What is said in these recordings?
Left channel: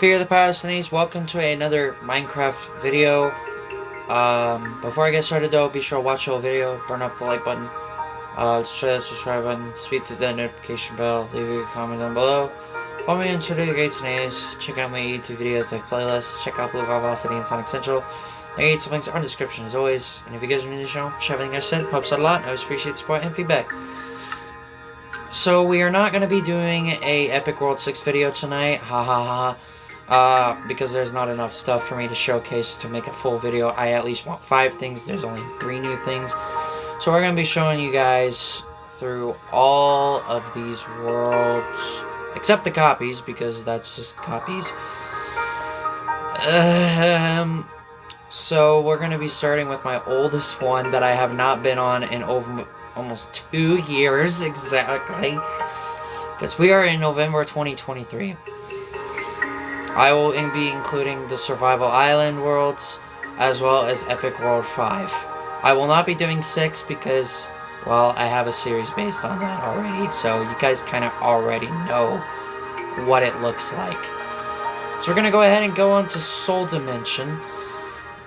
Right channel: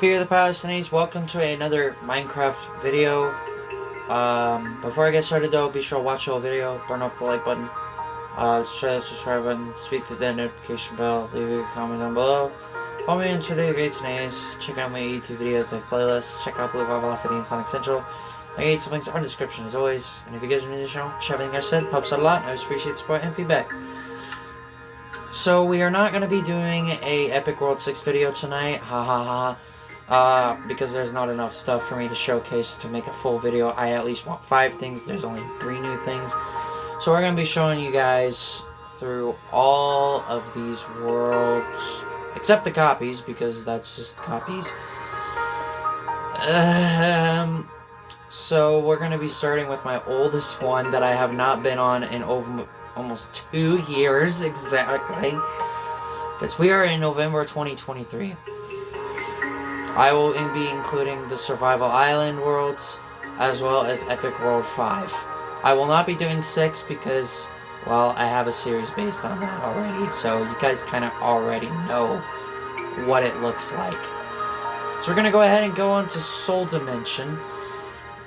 Fear the Palestinians, welcome to another Minecraft video. Before I get started though, be sure to watch the whole video, burn up the like button, share the subscribe button, speak to the notification bell, leave a comment down below. Follow me on Twitter, the Great Nays, check out my YouTube videos, I have playlists, check out Blue Vivacity and Sonic Central. I get some links are in the description as always, and if you guys are new to the channel, share everything I said, helps out a lot, I always appreciate the support and feedback. So we are not going to be doing a Epic World 6 video tonight, ha ha ha. Because there's not enough stuff for me to showcase to make a full video. I at least want 5 things. There's only 3 new things. So we're going to be showing you guys through all of these worlds. Except the copies, because that's just copies. So we're going to be starting with my oldest one that I have not been on in over almost 2 years exactly. Because we are in November 2023. I will be including the Survival Island worlds, as well as Epic World 5. I will not be doing 6 because, well, I have a series based on that already, so you guys kind of already know what it looks like. So we're going to go ahead and go on to Soul Dimension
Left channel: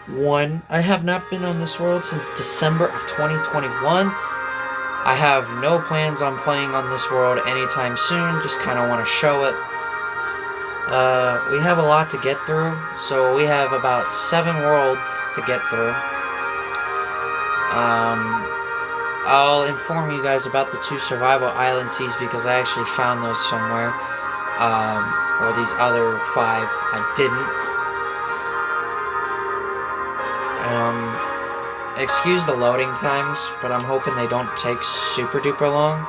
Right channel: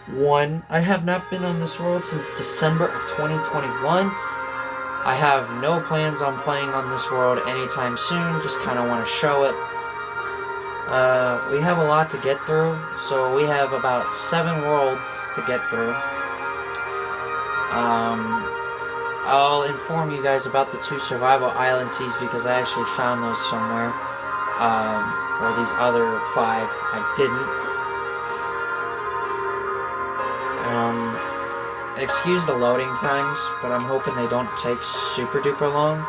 1. I have not been on this world since December of 2021. I have no plans on playing on this world anytime soon, just kind of want to show it. We have a lot to get through, so we have about 7 worlds to get through. I'll inform you guys about the 2 Survival Island seeds because I actually found those somewhere. Or these other 5, I didn't. Excuse the loading times, but I'm hoping they don't take super duper long.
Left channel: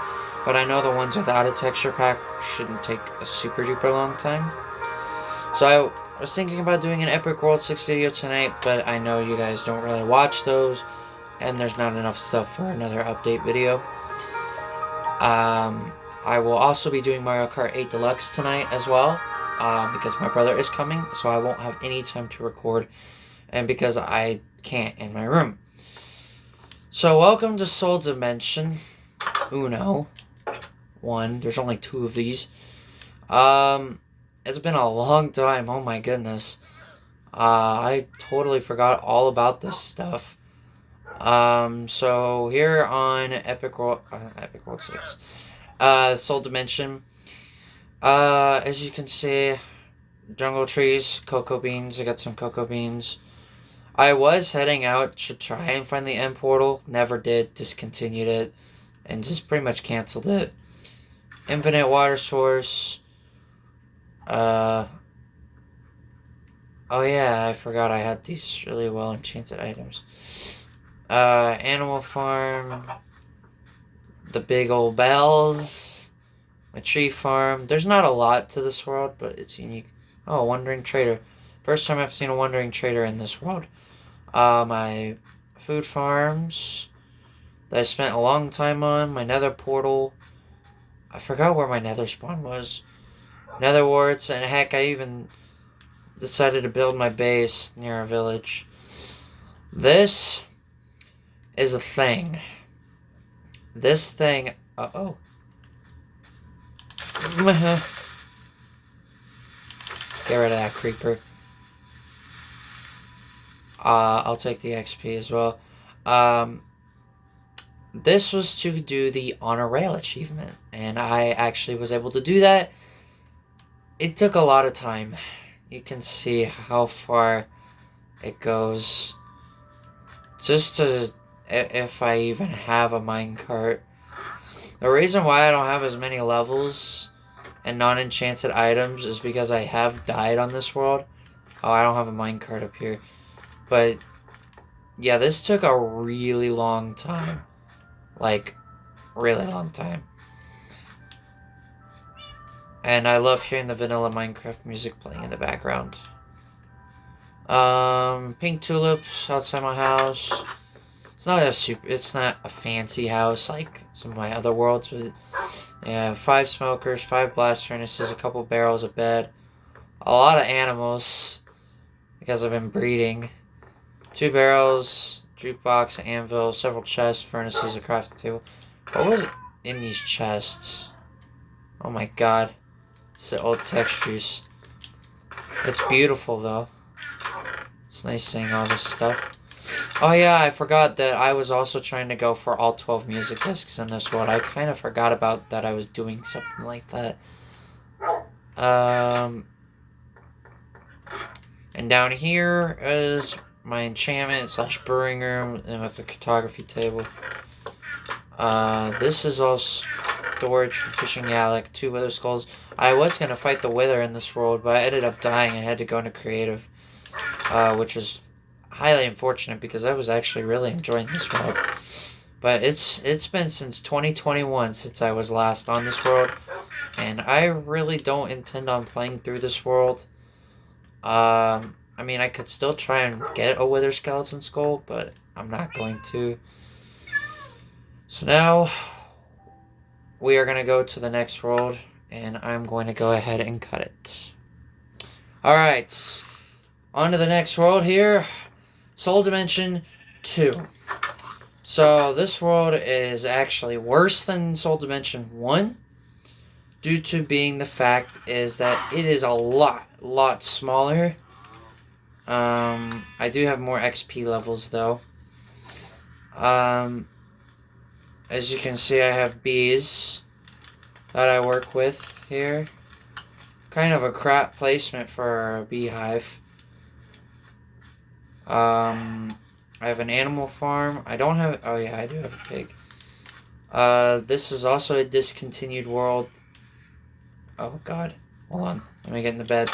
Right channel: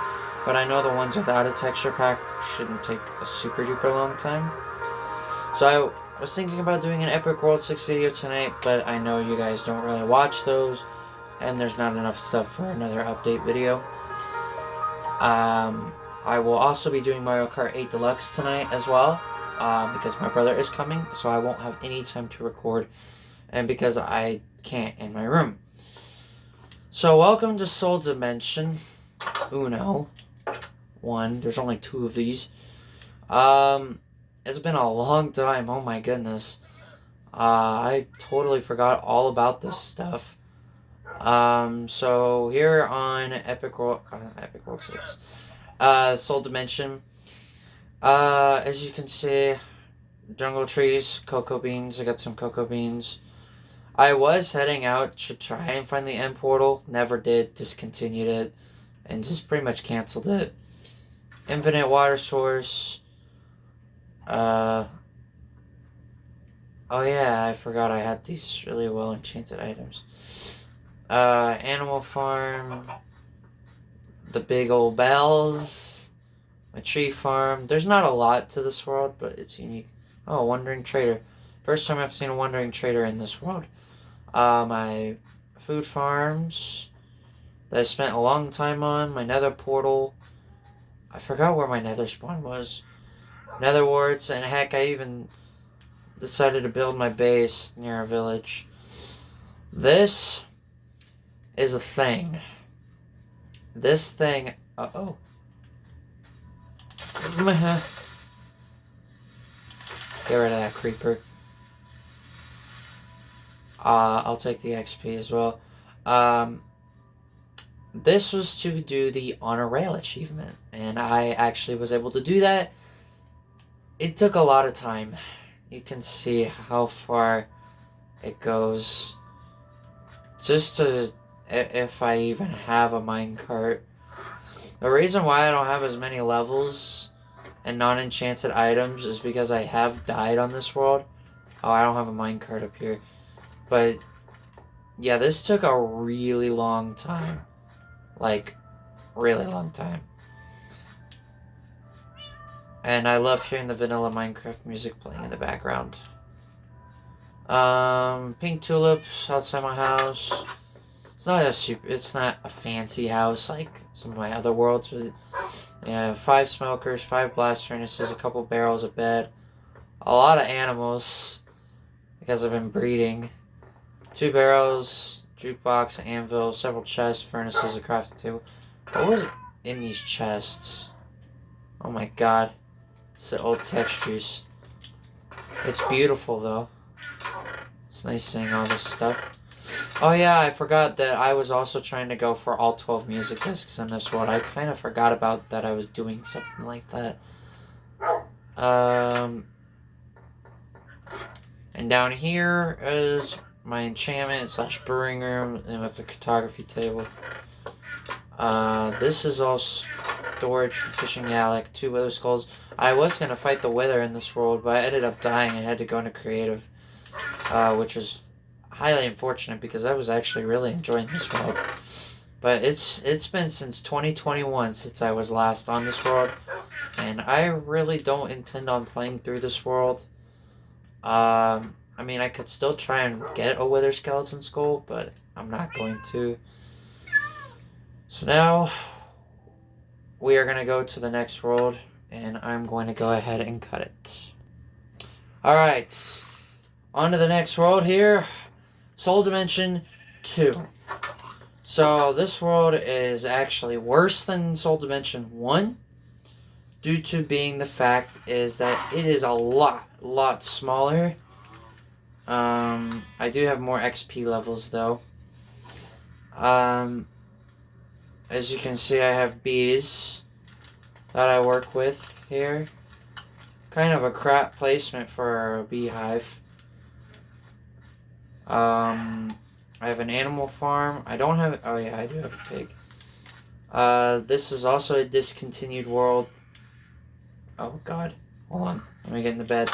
But I know the ones without a texture pack shouldn't take a super duper long time. So I was thinking about doing an Epic World 6 video tonight, but I know you guys don't really watch those, and there's not enough stuff for another update video. I will also be doing Mario Kart 8 Deluxe tonight as well, because my brother is coming, so I won't have any time to record, and because I can't in my room. So welcome to Soul Dimension Uno 1. There's only 2 of these. It's been a long time. Oh my goodness. I totally forgot all about this stuff. So here on Epic World 6, Soul Dimension. As you can see, jungle trees, cocoa beans. I got some cocoa beans. I was heading out to try and find the end portal. Never did. Discontinued it. And just pretty much canceled it. Infinite water source. Oh yeah, I forgot I had these really well enchanted items. Animal farm. The big old bells. A tree farm. There's not a lot to this world, but it's unique. Oh, wandering trader. First time I've seen a wandering trader in this world. My food farms that I spent a long time on. My nether portal. I forgot where my nether spawn was. Nether warts, and heck, I even decided to build my base near a village. This is a thing. This thing... Uh-oh. Get rid of that creeper. I'll take the XP as well. This was to do the Honor Rail achievement, and I actually was able to do that. It took a lot of time. You can see how far it goes. Just to, if I even have a minecart. The reason why I don't have as many levels and non-enchanted items is because I have died on this world. Oh, I don't have a minecart up here. But, yeah, this took a really long time. Like, really long time. And I love hearing the vanilla Minecraft music playing in the background. Pink tulips outside my house. It's not a fancy house like some of my other worlds, but yeah, 5 smokers, 5 blast furnaces, a couple barrels of bed, a lot of animals because I've been breeding. 2 barrels, jukebox, anvil, several chests, furnaces, a crafting table. What was in these chests? Oh my god. It's the old textures. It's beautiful, though. It's nice seeing all this stuff. Oh yeah, I forgot that I was also trying to go for all 12 music discs in this world. I kind of forgot about that I was doing something like that. And down here is my enchantment / brewing room and with the cartography table. This is all storage for fishing. Yeah, like 2 wither skulls. I was going to fight the wither in this world, but I ended up dying. I had to go into creative, which was highly unfortunate because I was actually really enjoying this world. But it's been since 2021 since I was last on this world, and I really don't intend on playing through this world. I mean, I could still try and get a wither skeleton skull, but I'm not going to. So now we are going to go to the next world, and I'm going to go ahead and cut it. Alright, on to the next world here. Soul Dimension 2. So this world is actually worse than Soul Dimension 1, due to being the fact is that it is a lot smaller. I do have more XP levels though. As you can see, I have bees that I work with here. Kind of a crap placement for a beehive. I have an animal farm. I don't have... Oh yeah, I do have a pig. This is also a discontinued world. Oh god. Hold on. Let me get in the bed.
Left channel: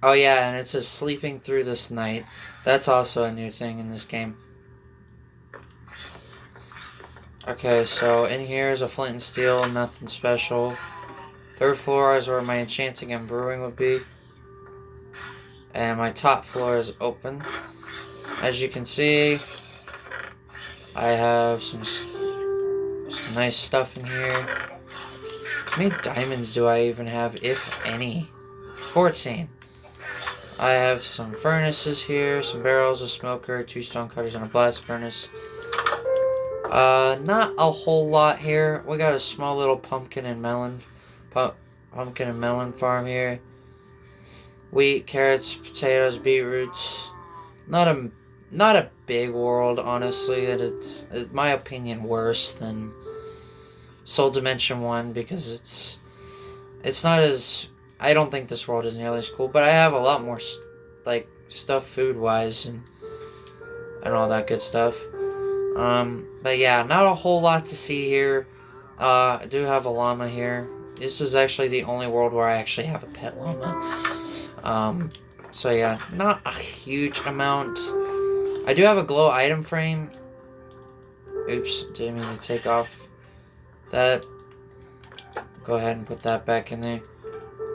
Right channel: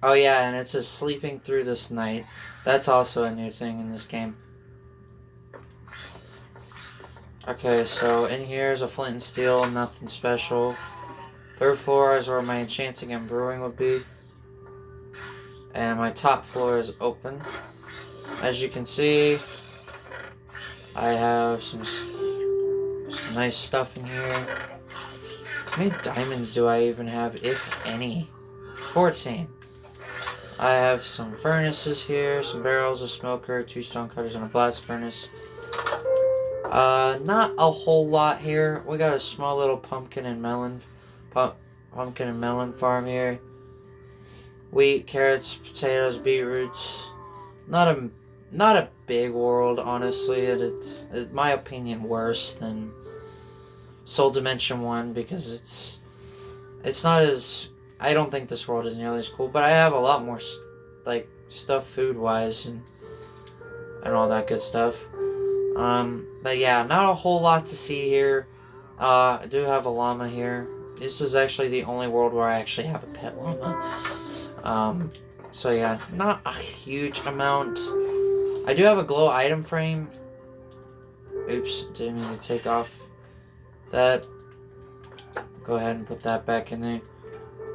Oh yeah, and it says sleeping through this night. That's also a new thing in this game. Okay, so in here is a flint and steel, nothing special. 3rd floor is where my enchanting and brewing would be. And my top floor is open. As you can see, I have some nice stuff in here. How many diamonds do I even have, if any? 14. I have some furnaces here, some barrels, a smoker, 2 stone cutters, and a blast furnace. Not a whole lot here. We got a small little pumpkin and melon farm here. Wheat, carrots, potatoes, beetroots. Not a big world, honestly. It's in my opinion worse than Soul Dimension 1 because it's not as... I don't think this world is nearly as cool, but I have a lot more like stuff food-wise and all that good stuff. But yeah, not a whole lot to see here. I do have a llama here. This is actually the only world where I actually have a pet llama. So yeah, not a huge amount. I do have a glow item frame. Oops, didn't mean to take off that. Go ahead and put that back in there.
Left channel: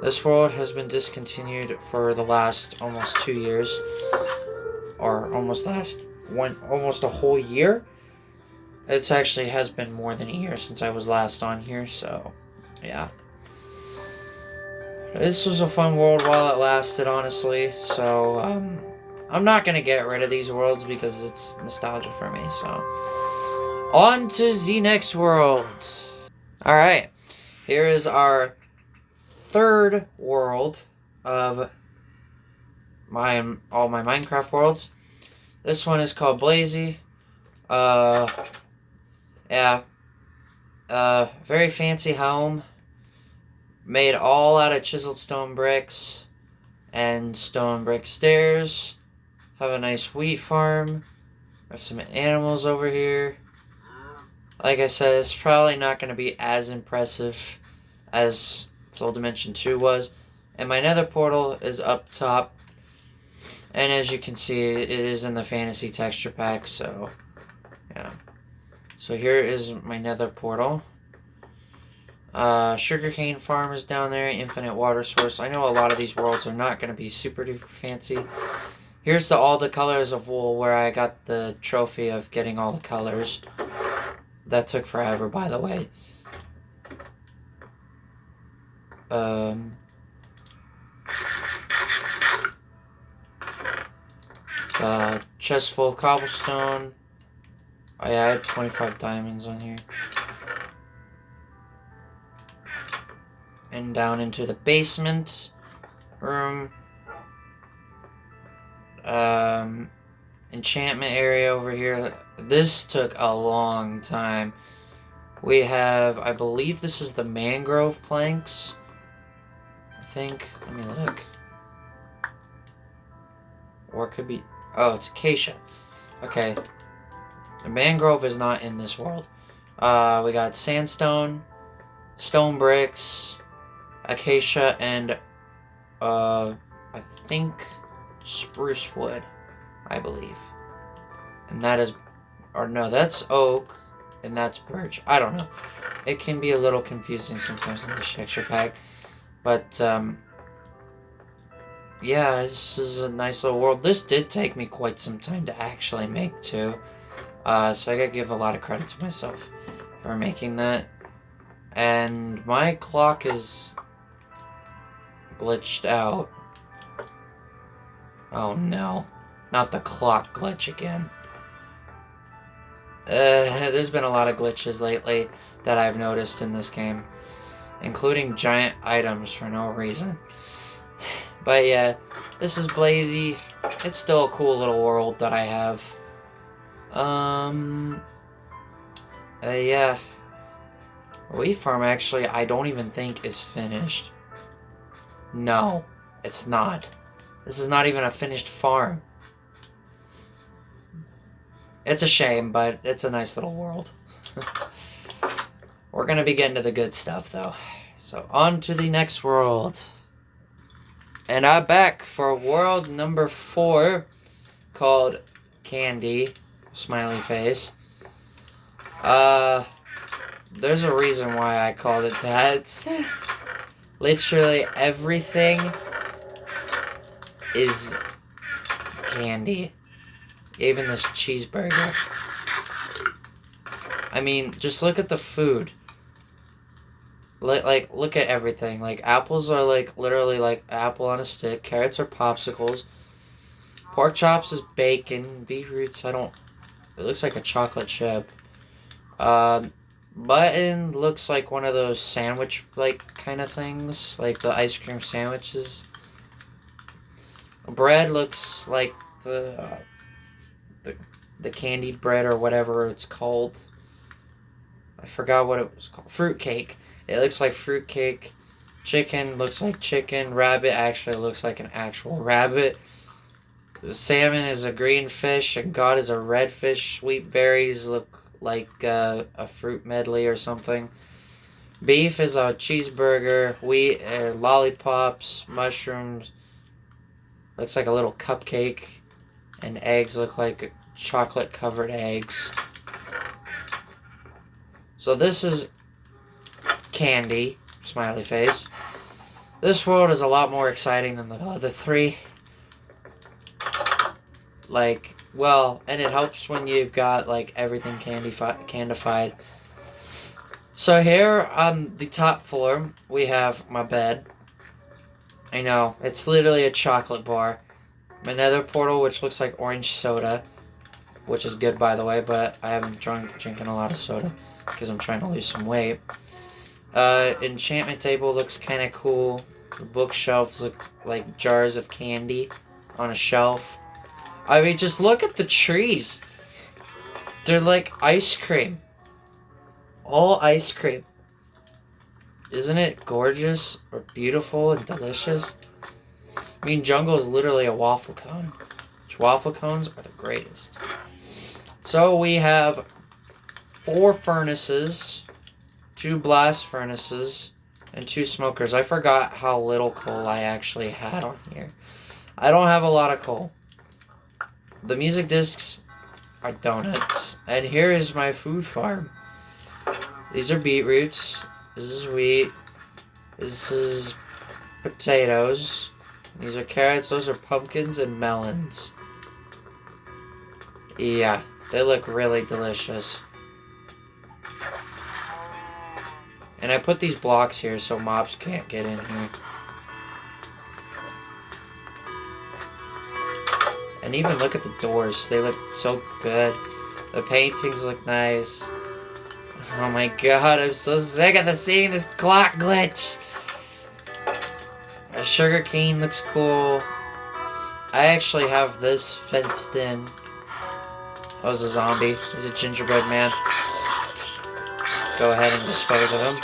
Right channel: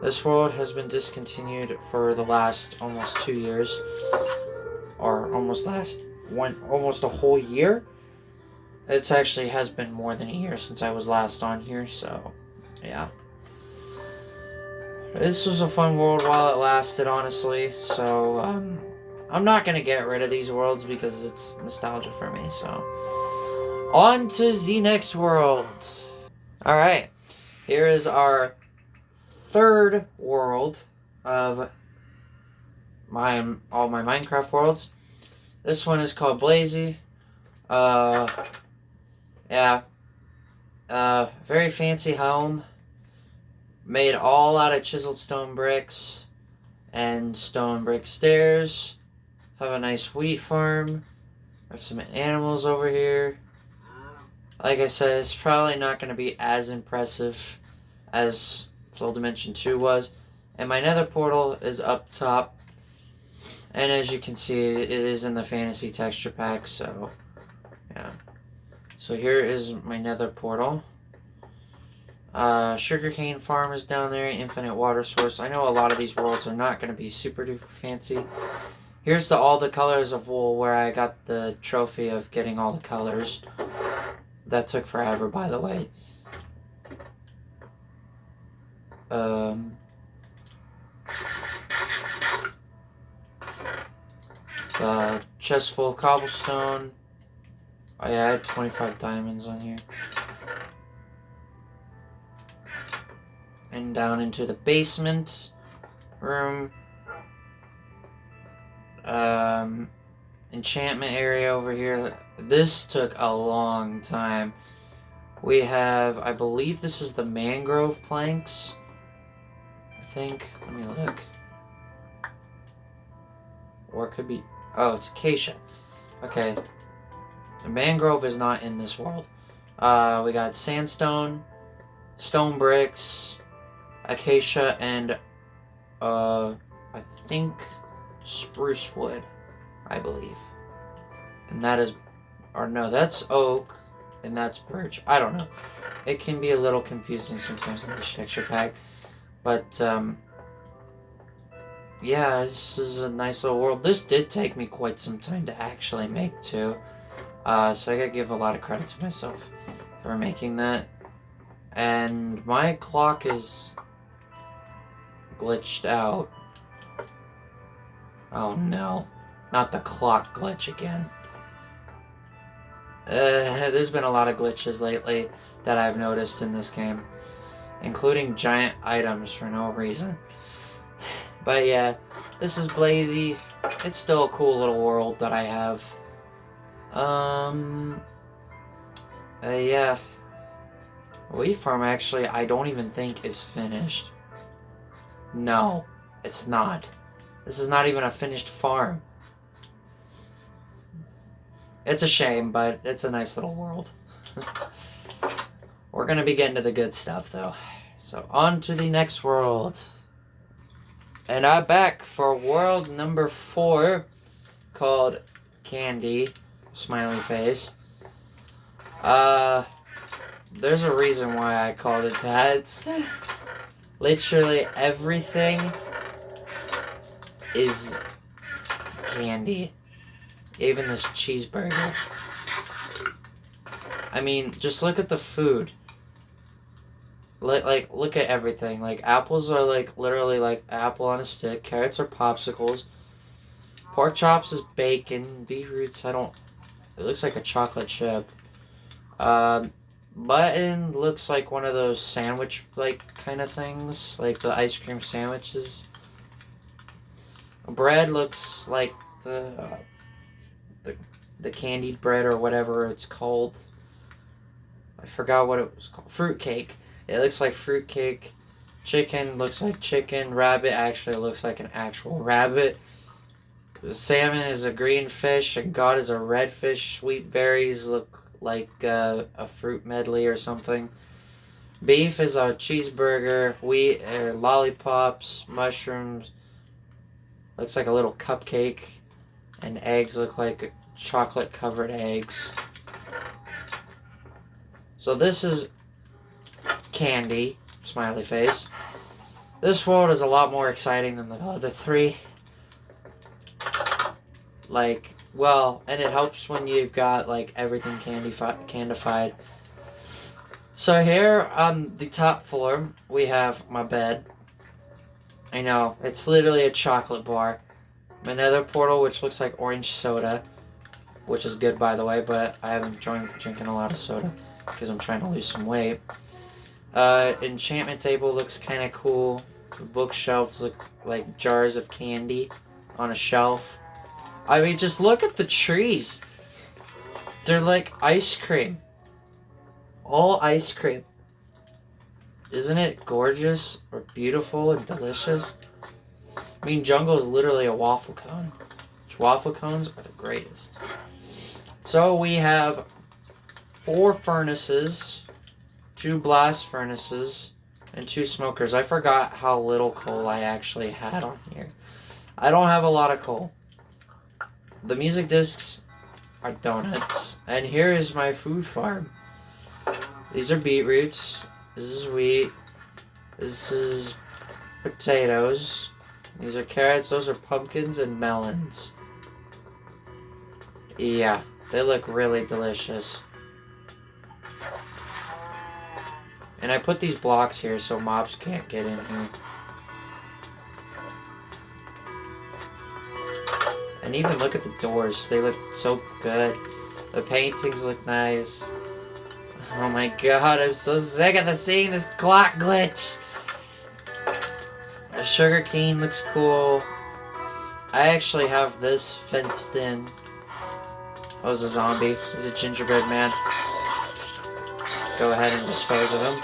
This world has been discontinued for the last almost 2 years. Or almost a whole year. It actually has been more than a year since I was last on here, so yeah. This was a fun world while it lasted, honestly, so I'm not going to get rid of these worlds because it's nostalgia for me, so. On to the next world. Alright, here is our 3rd world of all my Minecraft worlds. This one is called Blazy. Yeah. Very fancy home. Made all out of chiseled stone bricks and stone brick stairs. Have a nice wheat farm. Have some animals over here. Like I said, it's probably not going to be as impressive as Soul Dimension 2 was. And my nether portal is up top. And as you can see, it is in the fantasy texture pack, so yeah. So here is my nether portal. Sugarcane farm is down there, infinite water source. I know a lot of these worlds are not going to be super duper fancy. Here's all the colors of wool where I got the trophy of getting all the colors. That took forever, by the way. Chest full of cobblestone. Oh yeah, I had 25 diamonds on here. And down into the basement room. Enchantment area over here. This took a long time. We have, I believe this is the mangrove planks. I think. Let me look. Or it could be, oh, it's acacia. Okay. The mangrove is not in this world. We got sandstone, stone bricks, acacia, and I think spruce wood, I believe. And that is, or no, that's oak, and that's birch. I don't know. It can be a little confusing sometimes in the texture pack. But, yeah, this is a nice little world. This did take me quite some time to actually make, too. So I gotta give a lot of credit to myself for making that. And my clock is glitched out. Oh no, not the clock glitch again. There's been a lot of glitches lately that I've noticed in this game, including giant items for no reason. But yeah, this is Blazy. It's still a cool little world that I have. Yeah. Wheat farm, actually, I don't even think is finished. No, it's not. This is not even a finished farm. It's a shame, but it's a nice little world. We're gonna be getting to the good stuff, though. So, on to the next world. And I'm back for world number 4, called Candy. Smiley face. There's a reason why I called it that. Literally everything is candy. Even this cheeseburger. I mean, just look at the food. Look at everything. Like, apples are, like, literally, like, apple on a stick. Carrots are popsicles. Pork chops is bacon. Beetroots, it looks like a chocolate chip. Mutton looks like one of those sandwich-like kind of things. Like the ice cream sandwiches. Bread looks like the candied bread or whatever it's called. I forgot what it was called. Fruitcake. It looks like fruitcake. Chicken looks like chicken. Rabbit actually looks like an actual rabbit. Salmon is a green fish, and God is a red fish. Sweet berries look like a fruit medley or something. Beef is a cheeseburger. Wheat, lollipops, mushrooms. Looks like a little cupcake. And eggs look like chocolate-covered eggs. So this is candy. Smiley face. This world is a lot more exciting than the other 3. Like, well, and it helps when you've got, like, everything candified. So here on the top floor, we have my bed. I know, it's literally a chocolate bar. My nether portal, which looks like orange soda, which is good, by the way, but I haven't drinking a lot of soda because I'm trying to lose some weight. Enchantment table looks kind of cool. The bookshelves look like jars of candy on a shelf. I mean, just look at the trees. They're like ice cream. All ice cream. Isn't it gorgeous or beautiful and delicious? I mean, jungle is literally a waffle cone. Which waffle cones are the greatest. So we have 4 furnaces, 2 blast furnaces, and 2 smokers. I forgot how little coal I actually had on here. I don't have a lot of coal. The music discs are donuts. And here is my food farm. These are beetroots. This is wheat. This is potatoes. These are carrots. Those are pumpkins and melons. Yeah, they look really delicious. And I put these blocks here so mobs can't get in here. And even look at the doors. They look so good. The paintings look nice. Oh my god, I'm so sick of seeing this clock glitch. The sugar cane looks cool. I actually have this fenced in. Oh, it's a zombie. He's a gingerbread man. Go ahead and dispose of him.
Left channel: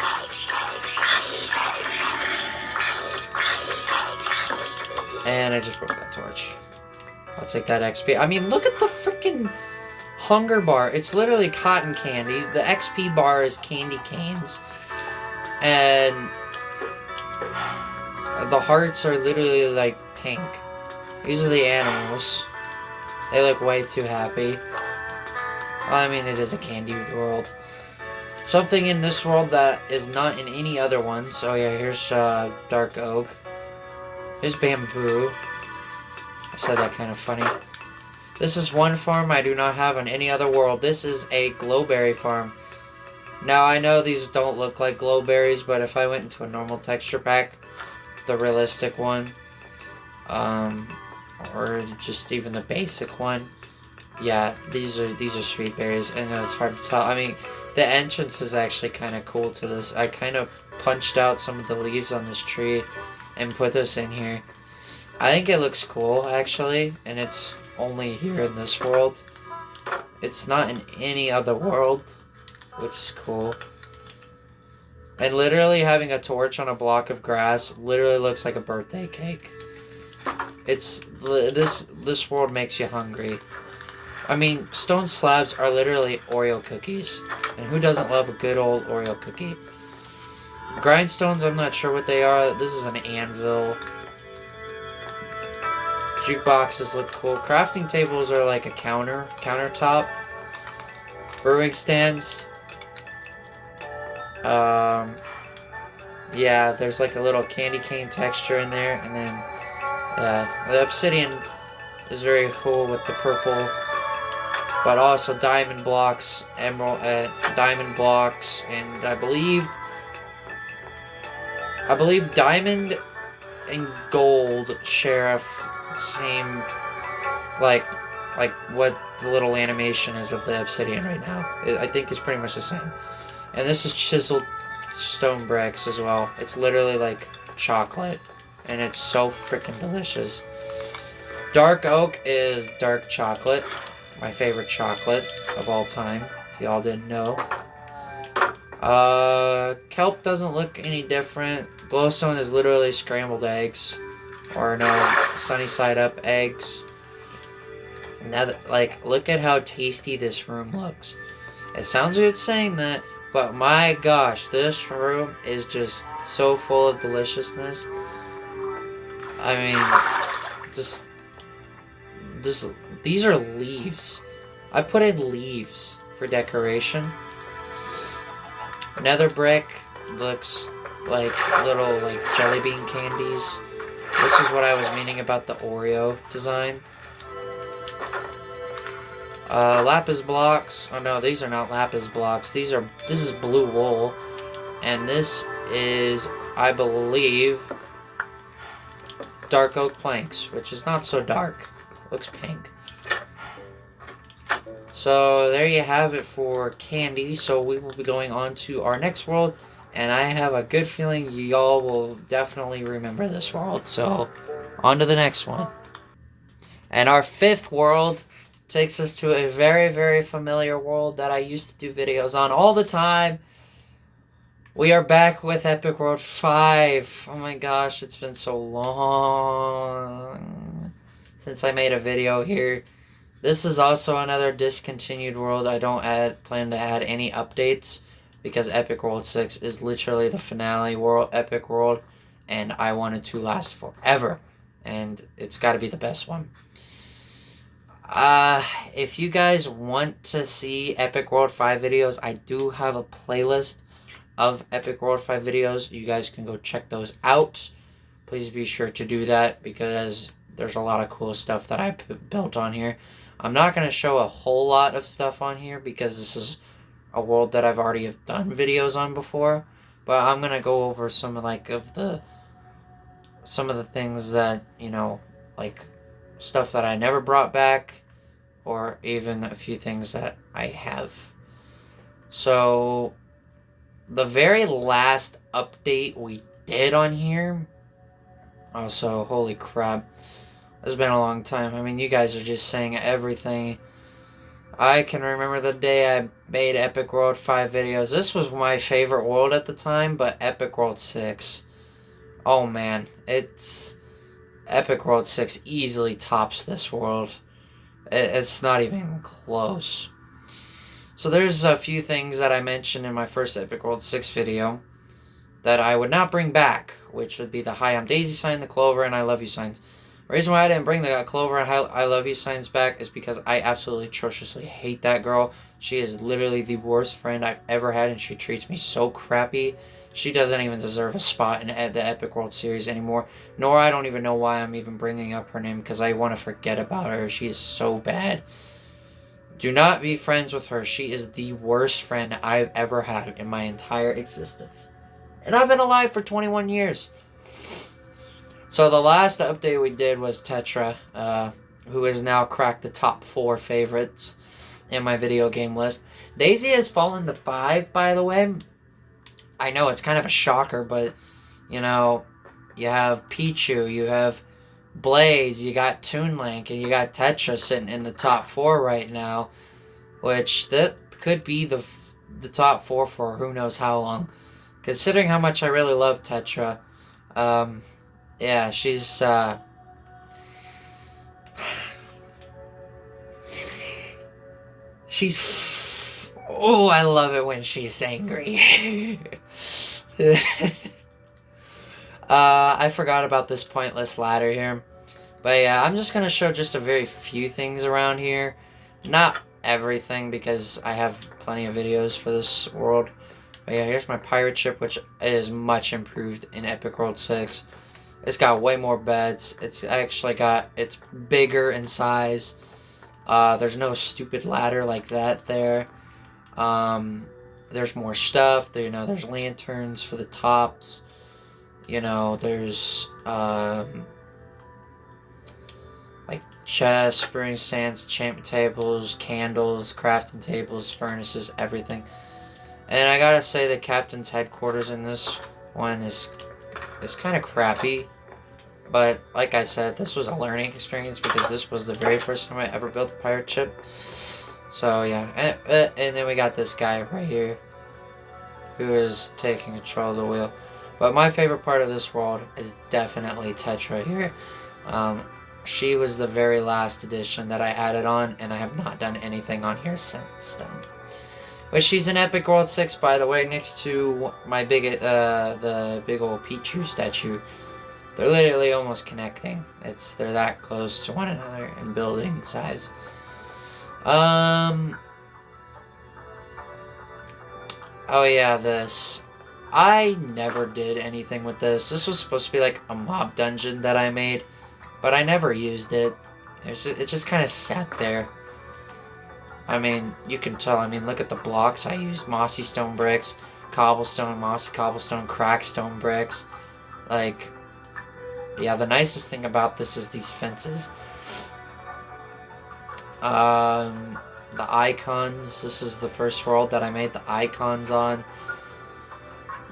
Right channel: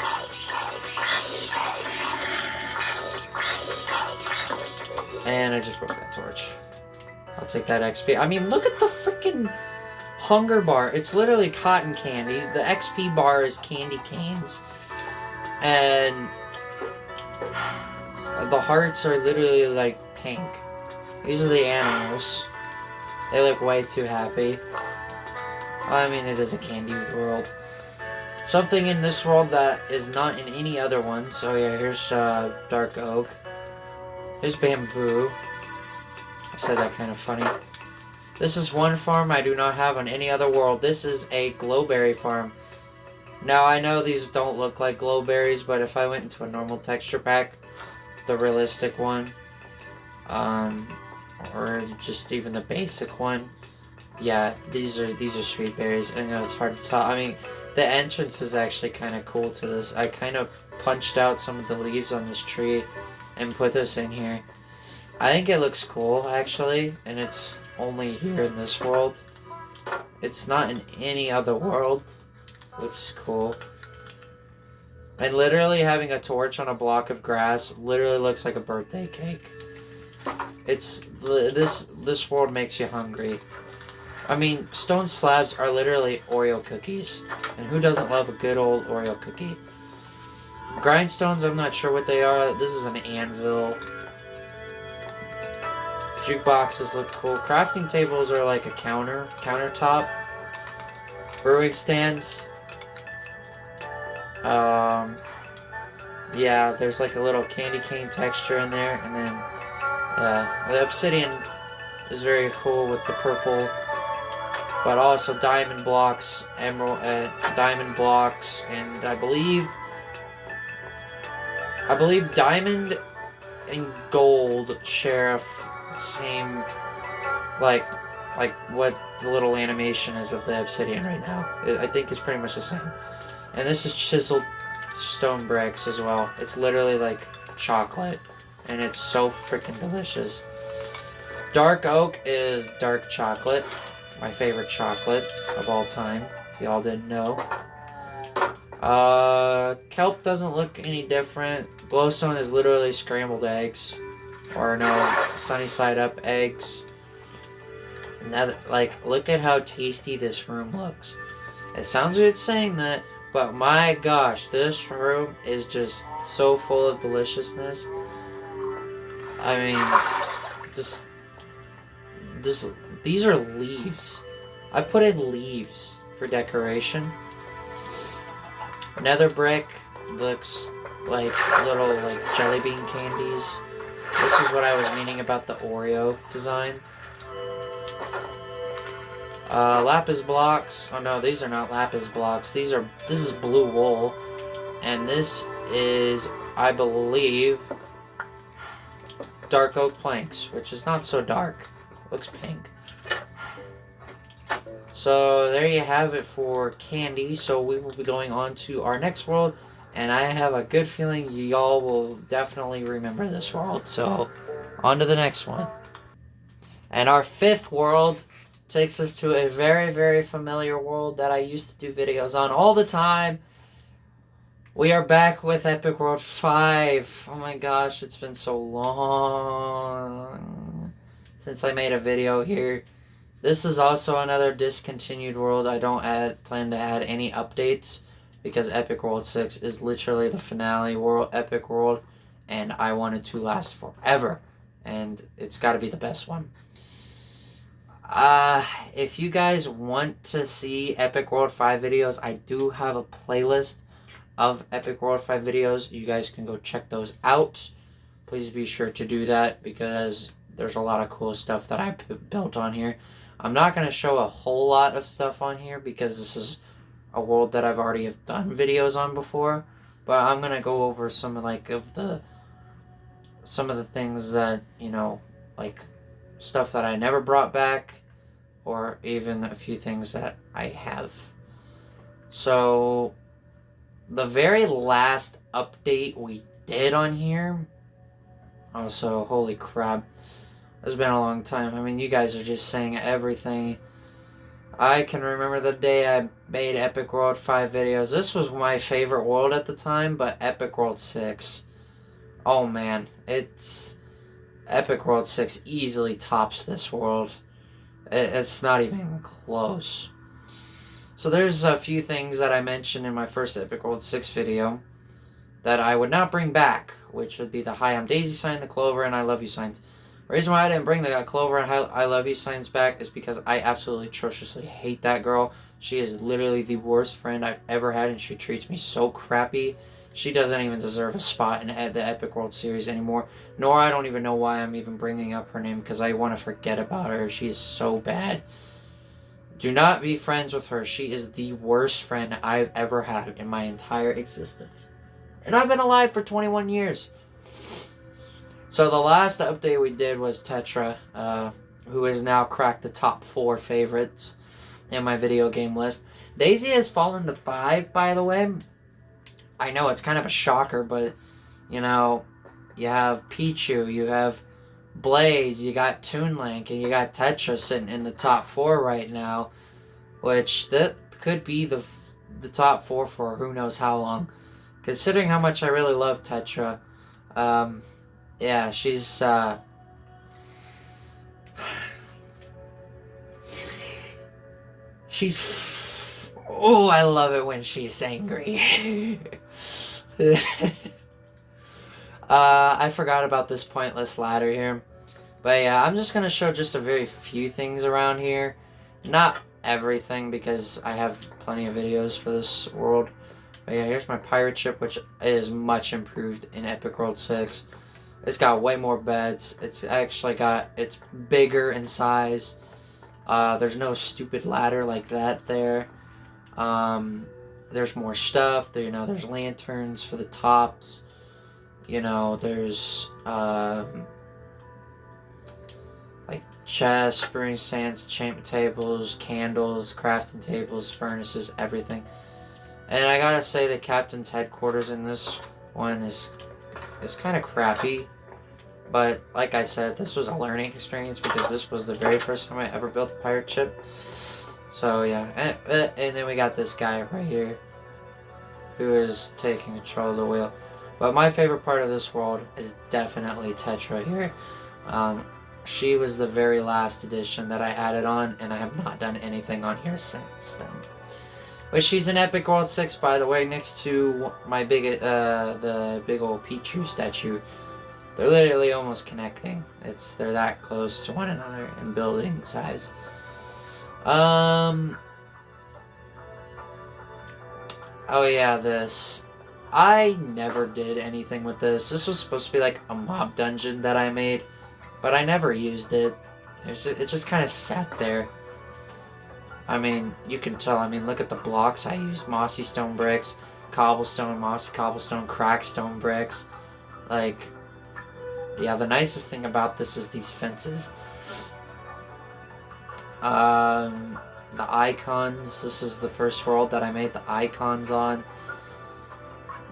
And I just broke that torch. I'll take that XP. I mean, look at the freaking hunger bar. It's literally cotton candy. The XP bar is candy canes. And the hearts are literally like pink. These are the animals. They look way too happy. Well, I mean, it is a candy world. Something in this world that is not in any other one. So yeah, here's dark oak. Here's bamboo. I said that kind of funny. This is one farm I do not have on any other world. This is a glowberry farm. Now, I know these don't look like glowberries, but if I went into a normal texture pack, the realistic one, or just even the basic one, yeah, these are sweet berries. I know it's hard to tell. I mean, the entrance is actually kind of cool to this. I kind of punched out some of the leaves on this tree and put this in here. I think it looks cool, actually, and it's only here in this world. It's not in any other world, which is cool. And literally having a torch on a block of grass literally looks like a birthday cake. It's this world makes you hungry. I mean, stone slabs are literally Oreo cookies, and who doesn't love a good old Oreo cookie? Grindstones, I'm not sure what they are. This is an anvil. Jukeboxes look cool. Crafting tables are like a countertop. Brewing stands. Yeah, there's like a little candy cane texture in there, and then yeah, the obsidian is very cool with the purple, but also diamond blocks, diamond blocks, and I believe diamond and gold share same like what the little animation is of the obsidian right now. I think it's pretty much the same. And this is chiseled stone bricks as well. It's literally like chocolate, and it's so freaking delicious. Dark oak is dark chocolate, my favorite chocolate of all time, if y'all didn't know. Kelp doesn't look any different. Glowstone is literally scrambled eggs, or no, sunny side up eggs. Now, like, look at how tasty this room looks. It sounds weird saying that, but my gosh, this room is just so full of deliciousness. I mean, these are leaves. I put in leaves for decoration. Nether brick looks like little like jelly bean candies. This is what I was meaning about the Oreo design. Lapis blocks. Oh no, these are not lapis blocks. This is blue wool, and this is, I believe, dark oak planks, which is not so dark. Looks pink. So there you have it for candy. So we will be going on to our next world, and I have a good feeling y'all will definitely remember this world. So on to the next one. And our fifth world takes us to a very, very familiar world that I used to do videos on all the time. We are back with Epic World 5. Oh my gosh, it's been so long since I made a video here. This is also another discontinued world. I don't plan to add any updates because Epic World 6 is literally the finale world, Epic World, and I want it to last forever. And it's got to be the best one. If you guys want to see Epic World 5 videos, I do have a playlist of Epic World 5 videos. You guys can go check those out. Please be sure to do that because there's a lot of cool stuff that I built on here. I'm not going to show a whole lot of stuff on here because this is a world that I've already have done videos on before. But I'm going to go over some of the things that, you know, like stuff that I never brought back, or even a few things that I have. So the very last update we did on here Also, holy crap. It's been a long time. I mean, you guys are just saying everything. I can remember the day I made Epic World 5 videos. This was my favorite world at the time, but Epic World 6. Oh man, it's... Epic World 6 easily tops this world. It's not even close. So there's a few things that I mentioned in my first Epic World 6 video that I would not bring back, which would be the Hi, I'm Daisy sign, the Clover, and I love you signs. The reason why I didn't bring the Clover and I love you signs back is because I absolutely atrociously hate that girl. She is literally the worst friend I've ever had, and she treats me so crappy. She doesn't even deserve a spot in the Epic World Series anymore. Nor I don't even know why I'm even bringing up her name, because I want to forget about her. She is so bad. Do not be friends with her. She is the worst friend I've ever had in my entire existence. And I've been alive for 21 years. So the last update we did was Tetra, who has now cracked the top 4 favorites in my video game list. Daisy has fallen to 5, by the way. I know it's kind of a shocker, but, you know, you have Pichu, you have Blaze, you got Toon Link, and you got Tetra sitting in the top 4 right now, which that could be the top 4 for who knows how long. Considering how much I really love Tetra, yeah, she's, oh, I love it when she's angry. I forgot about this pointless ladder here. But yeah, I'm just going to show just a very few things around here. Not everything, because I have plenty of videos for this world. But yeah, here's my pirate ship, which is much improved in Epic World 6. It's got way more beds. It's bigger in size. There's no stupid ladder like that there. There's more stuff. There's lanterns for the tops. There's like chests, brewing stands, enchantment tables, candles, crafting tables, furnaces, everything. And I gotta say, the captain's headquarters in this one is kind of crappy. But like I said, this was a learning experience because this was the very first time I ever built a pirate ship. So yeah, and then we got this guy right here who is taking control of the wheel. But my favorite part of this world is definitely Tetra here. She was the very last edition that I added on, and I have not done anything on here since then. But she's in Epic World 6, by the way, next to my the big old Pichu statue. They're literally almost connecting. They're that close to one another in building size. Oh yeah, this. I never did anything with this. This was supposed to be like a mob dungeon that I made, but I never used it. It just kind of sat there. I mean, you can tell. I mean, look at the blocks I used. Mossy stone bricks, cobblestone, mossy cobblestone, cracked stone bricks. Like, yeah, the nicest thing about this is these fences. The icons. This is the first world that I made the icons on.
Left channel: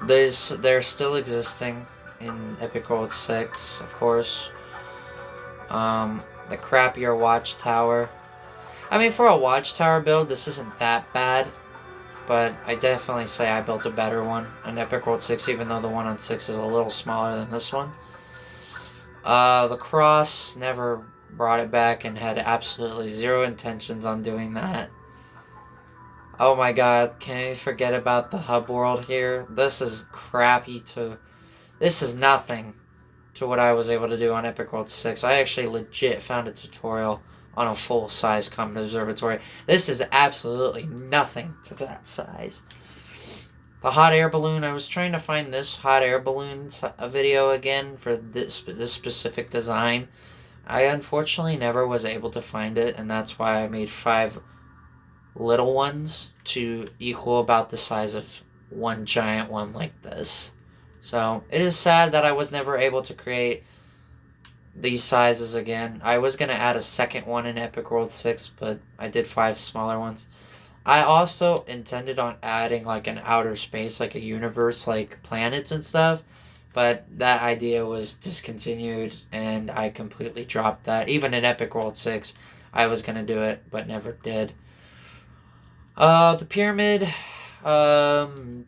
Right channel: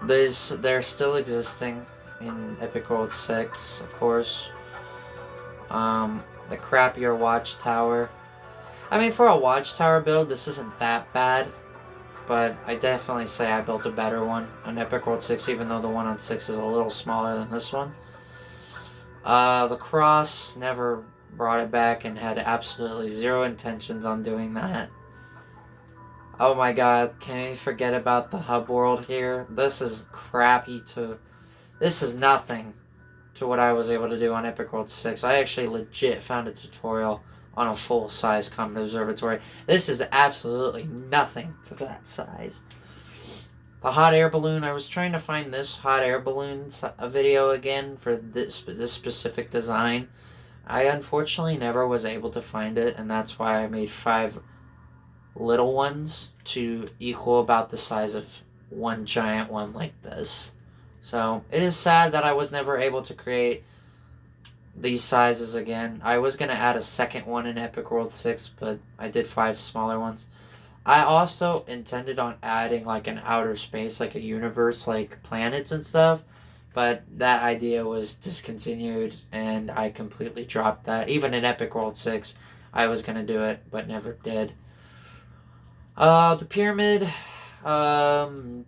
They're still existing in Epic World 6, of course. The crappier watchtower. I mean, for a watchtower build, this isn't that bad. But I definitely say I built a better one on Epic World 6, even though the one on 6 is a little smaller than this one. The cross, never brought it back and had absolutely zero intentions on doing that. Oh my god, can you forget about the hub world here? This is crappy this is nothing to what I was able to do on Epic World 6. I actually legit found a tutorial on a full-size Comet Observatory. This is absolutely nothing to that size. The hot air balloon, I was trying to find this hot air balloon video again for this specific design. I unfortunately never was able to find it, and that's why I made 5 little ones to equal about the size of one giant one like this. So it is sad that I was never able to create these sizes again. I was going to add a second one in Epic World 6, but I did 5 smaller ones. I also intended on adding like an outer space, like a universe, like planets and stuff, But that idea was discontinued, and I completely dropped that. Even in Epic World 6, I was going to do it, but never did. The pyramid, actually,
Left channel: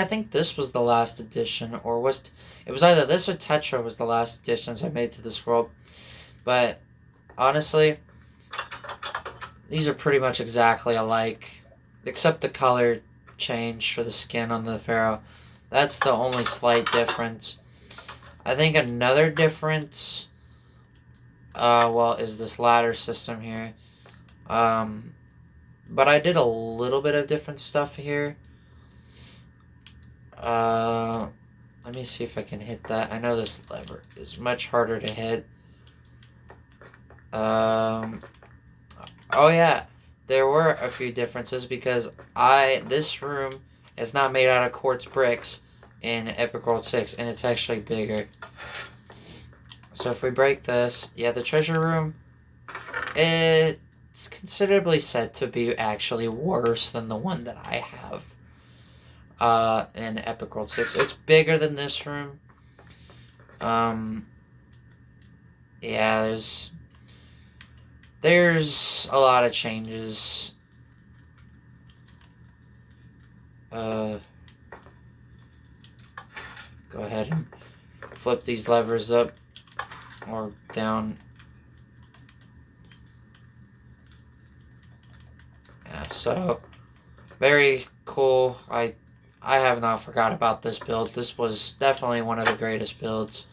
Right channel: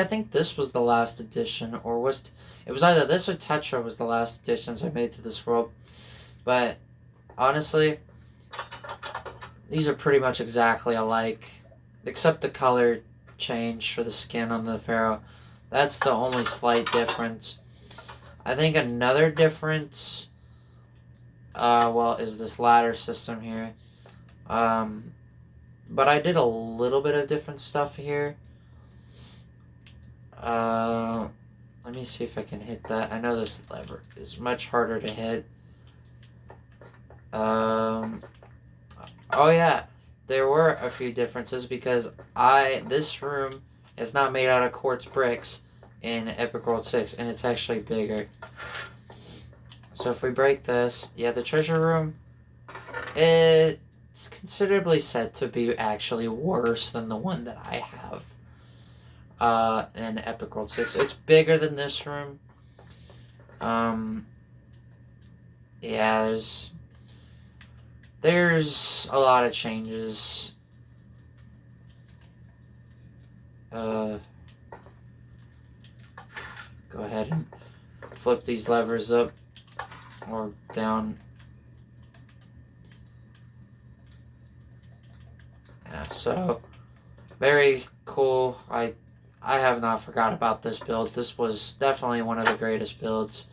I think this was the last edition, or it was either this or Tetra was the last editions I made to this world. But honestly, these are pretty much exactly alike, except the color change for the skin on the pharaoh. That's the only slight difference. I think another difference, is this ladder system here. But I did a little bit of different stuff here. Let me see if I can hit that. I know this lever is much harder to hit. Oh yeah, there were a few differences because this room is not made out of quartz bricks in Epic World 6, and it's actually bigger. So if we break this, yeah, the treasure room, it's considerably said to be actually worse than the one that I have in Epic World 6. It's bigger than this room. Yeah, there's a lot of changes. Go ahead and flip these levers up or down. Yeah, so very cool. I have not forgot about this build. This was definitely one of the greatest builds.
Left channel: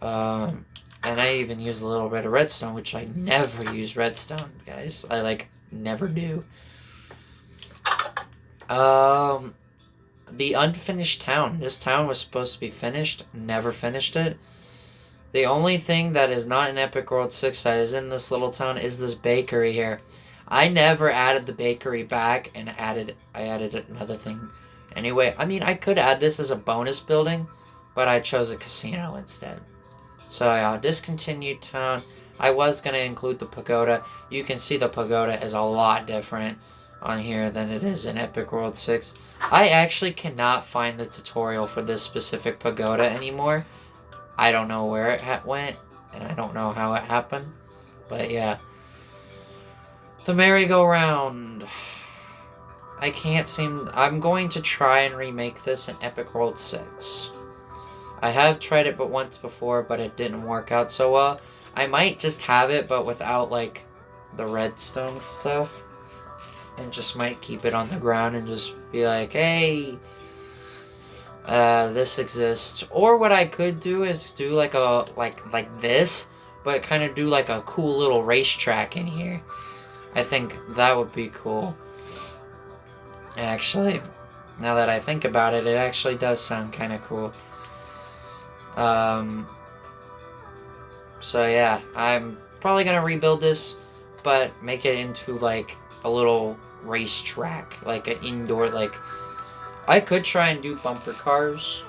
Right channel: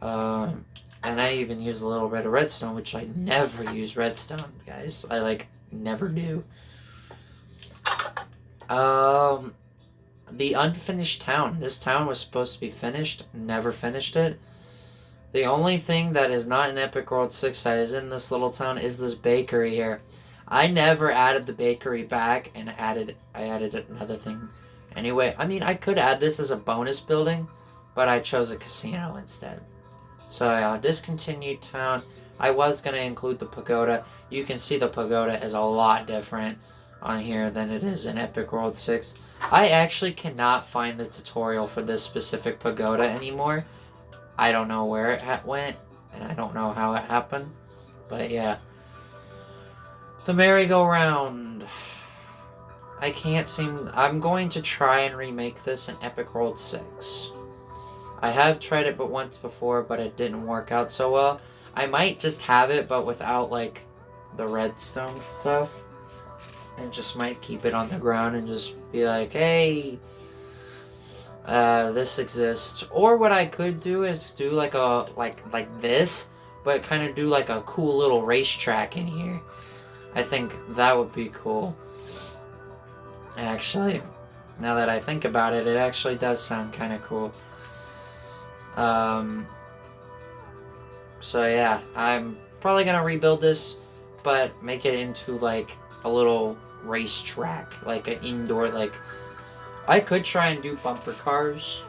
And I even used a little bit of redstone, which I never use redstone, guys. I never do. The unfinished town. This town was supposed to be finished. Never finished it. The only thing that is not in Epic World 6 that is in this little town is this bakery here. I never added the bakery back, and I added another thing anyway. I mean, I could add this as a bonus building, but I chose a casino instead. So yeah, discontinued town. I was going to include the pagoda. You can see the pagoda is a lot different on here than it is in Epic World 6. I actually cannot find the tutorial for this specific pagoda anymore. I don't know where it went, and I don't know how it happened. But yeah. The merry-go-round. I'm going to try and remake this in Epic World 6. I have tried it but once before, but it didn't work out so well. I might just have it, but without, the redstone stuff. And just might keep it on the ground and just be like, hey, this exists. Or what I could do is do like this, but kind of do a cool little racetrack in here. I think that would be cool. Actually, now that I think about it, it actually does sound kind of cool. So yeah, I'm probably gonna rebuild this, but make it into a little racetrack, an indoor, I could try and do bumper cars,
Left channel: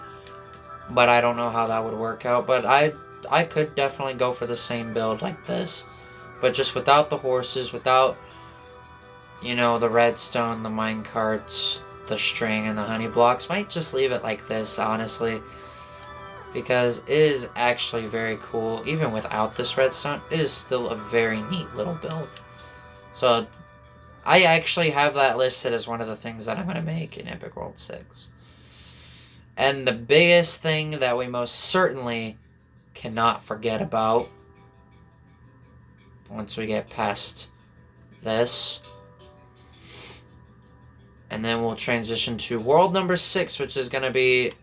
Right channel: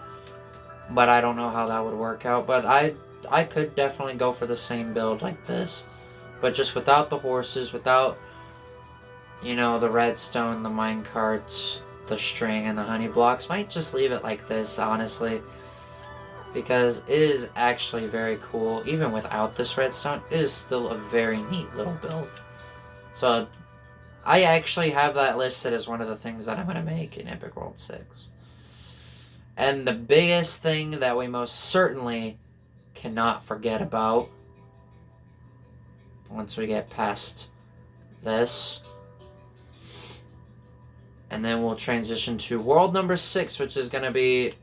but I don't know how that would work out. But I could definitely go for the same build like this, but just without the horses, without the redstone, the mine carts, the string, and the honey blocks. Might just leave it like this, honestly, because it is actually very cool. Even without this redstone, it is still a very neat little build. So I actually have that listed as one of the things that I'm going to make in Epic World 6. And the biggest thing that we most certainly cannot forget about, once we get past this, and then we'll transition to world number 6, which is going to be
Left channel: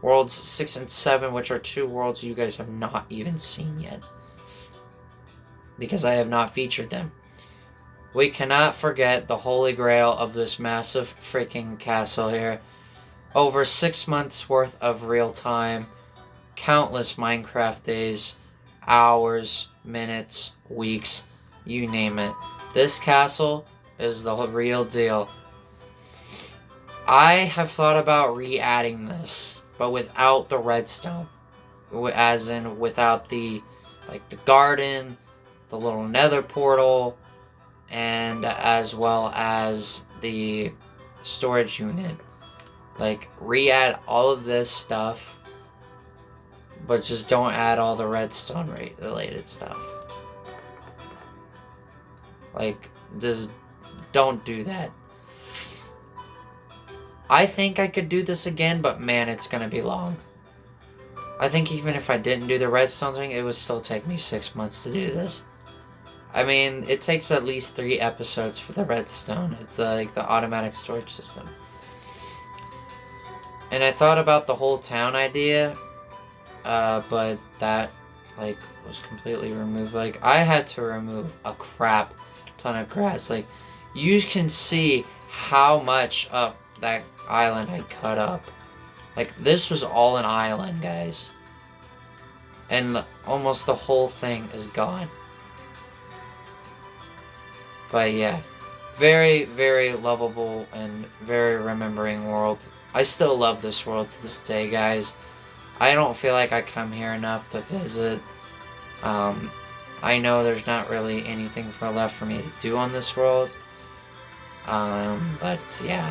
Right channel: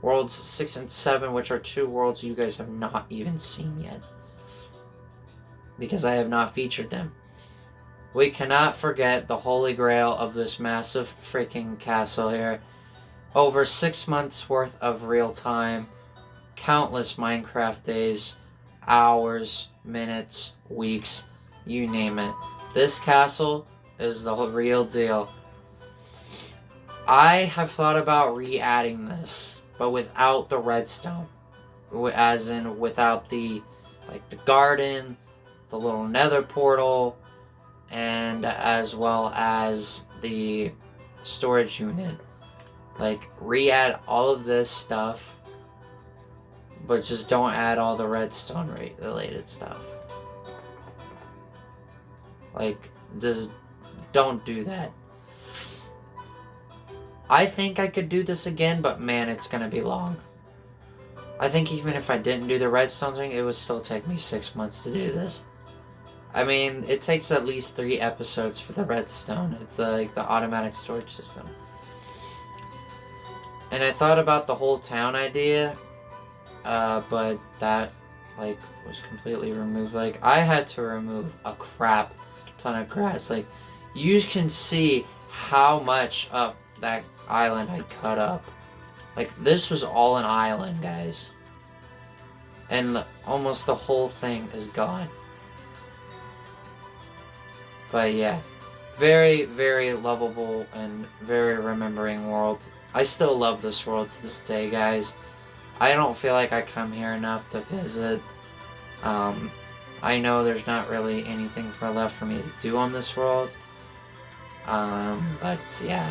worlds 6 and 7, which are two worlds you guys have not even seen yet, because I have not featured them. We cannot forget the holy grail of this massive freaking castle here. Over 6 months worth of real time, countless Minecraft days, hours, minutes, weeks, you name it. This castle is the real deal. I have thought about re-adding this, but without the redstone. As in, without the garden, the little nether portal, and as well as the storage unit. Like, re-add all of this stuff, but just don't add all the redstone related stuff. Like, just don't do that. I think I could do this again, but man, it's gonna be long. I think even if I didn't do the redstone thing, it would still take me 6 months to do this. I mean, it takes at least 3 episodes for the redstone. It's like the automatic storage system. And I thought about the whole town idea, but that, like, was completely removed. Like, I had to remove a crap ton of grass. Like, you can see how much up that island I cut up. Like, this was all an island, guys. And almost the whole thing is gone. But yeah, very, very lovable and very remembering world. I still love this world to this day, guys. I don't feel like I come here enough to visit. I know there's not really anything left for me to do on this world. But yeah.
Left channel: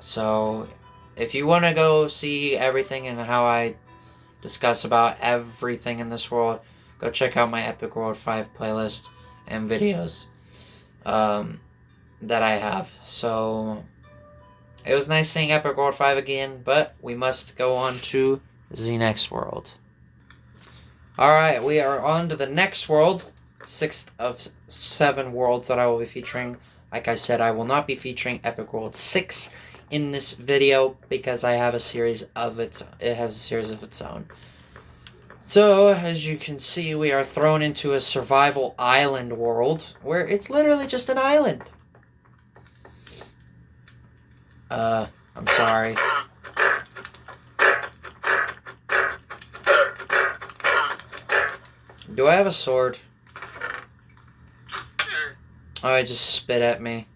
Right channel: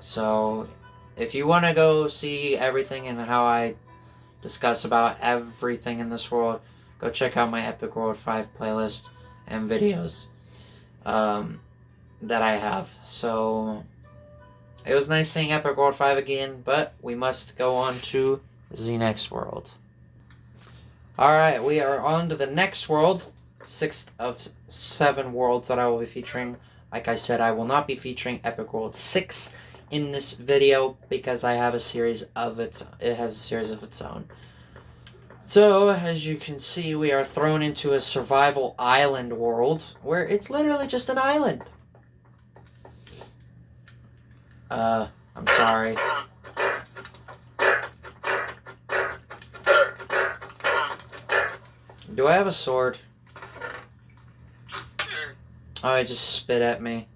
So, if you want to go see everything and how I discuss about everything in this world, go check out my Epic World 5 playlist and videos that I have. So, it was nice seeing Epic World 5 again, but we must go on to the next world. Alright, we are on to the next world, 6th of 7 worlds that I will be featuring. Like I said, I will not be featuring Epic World 6 in this video because I have a series of it has a series of its own. So, as you can see, we are thrown into a survival island world where it's literally just an island. I'm sorry. Do I have a sword? Oh, it just spit at me.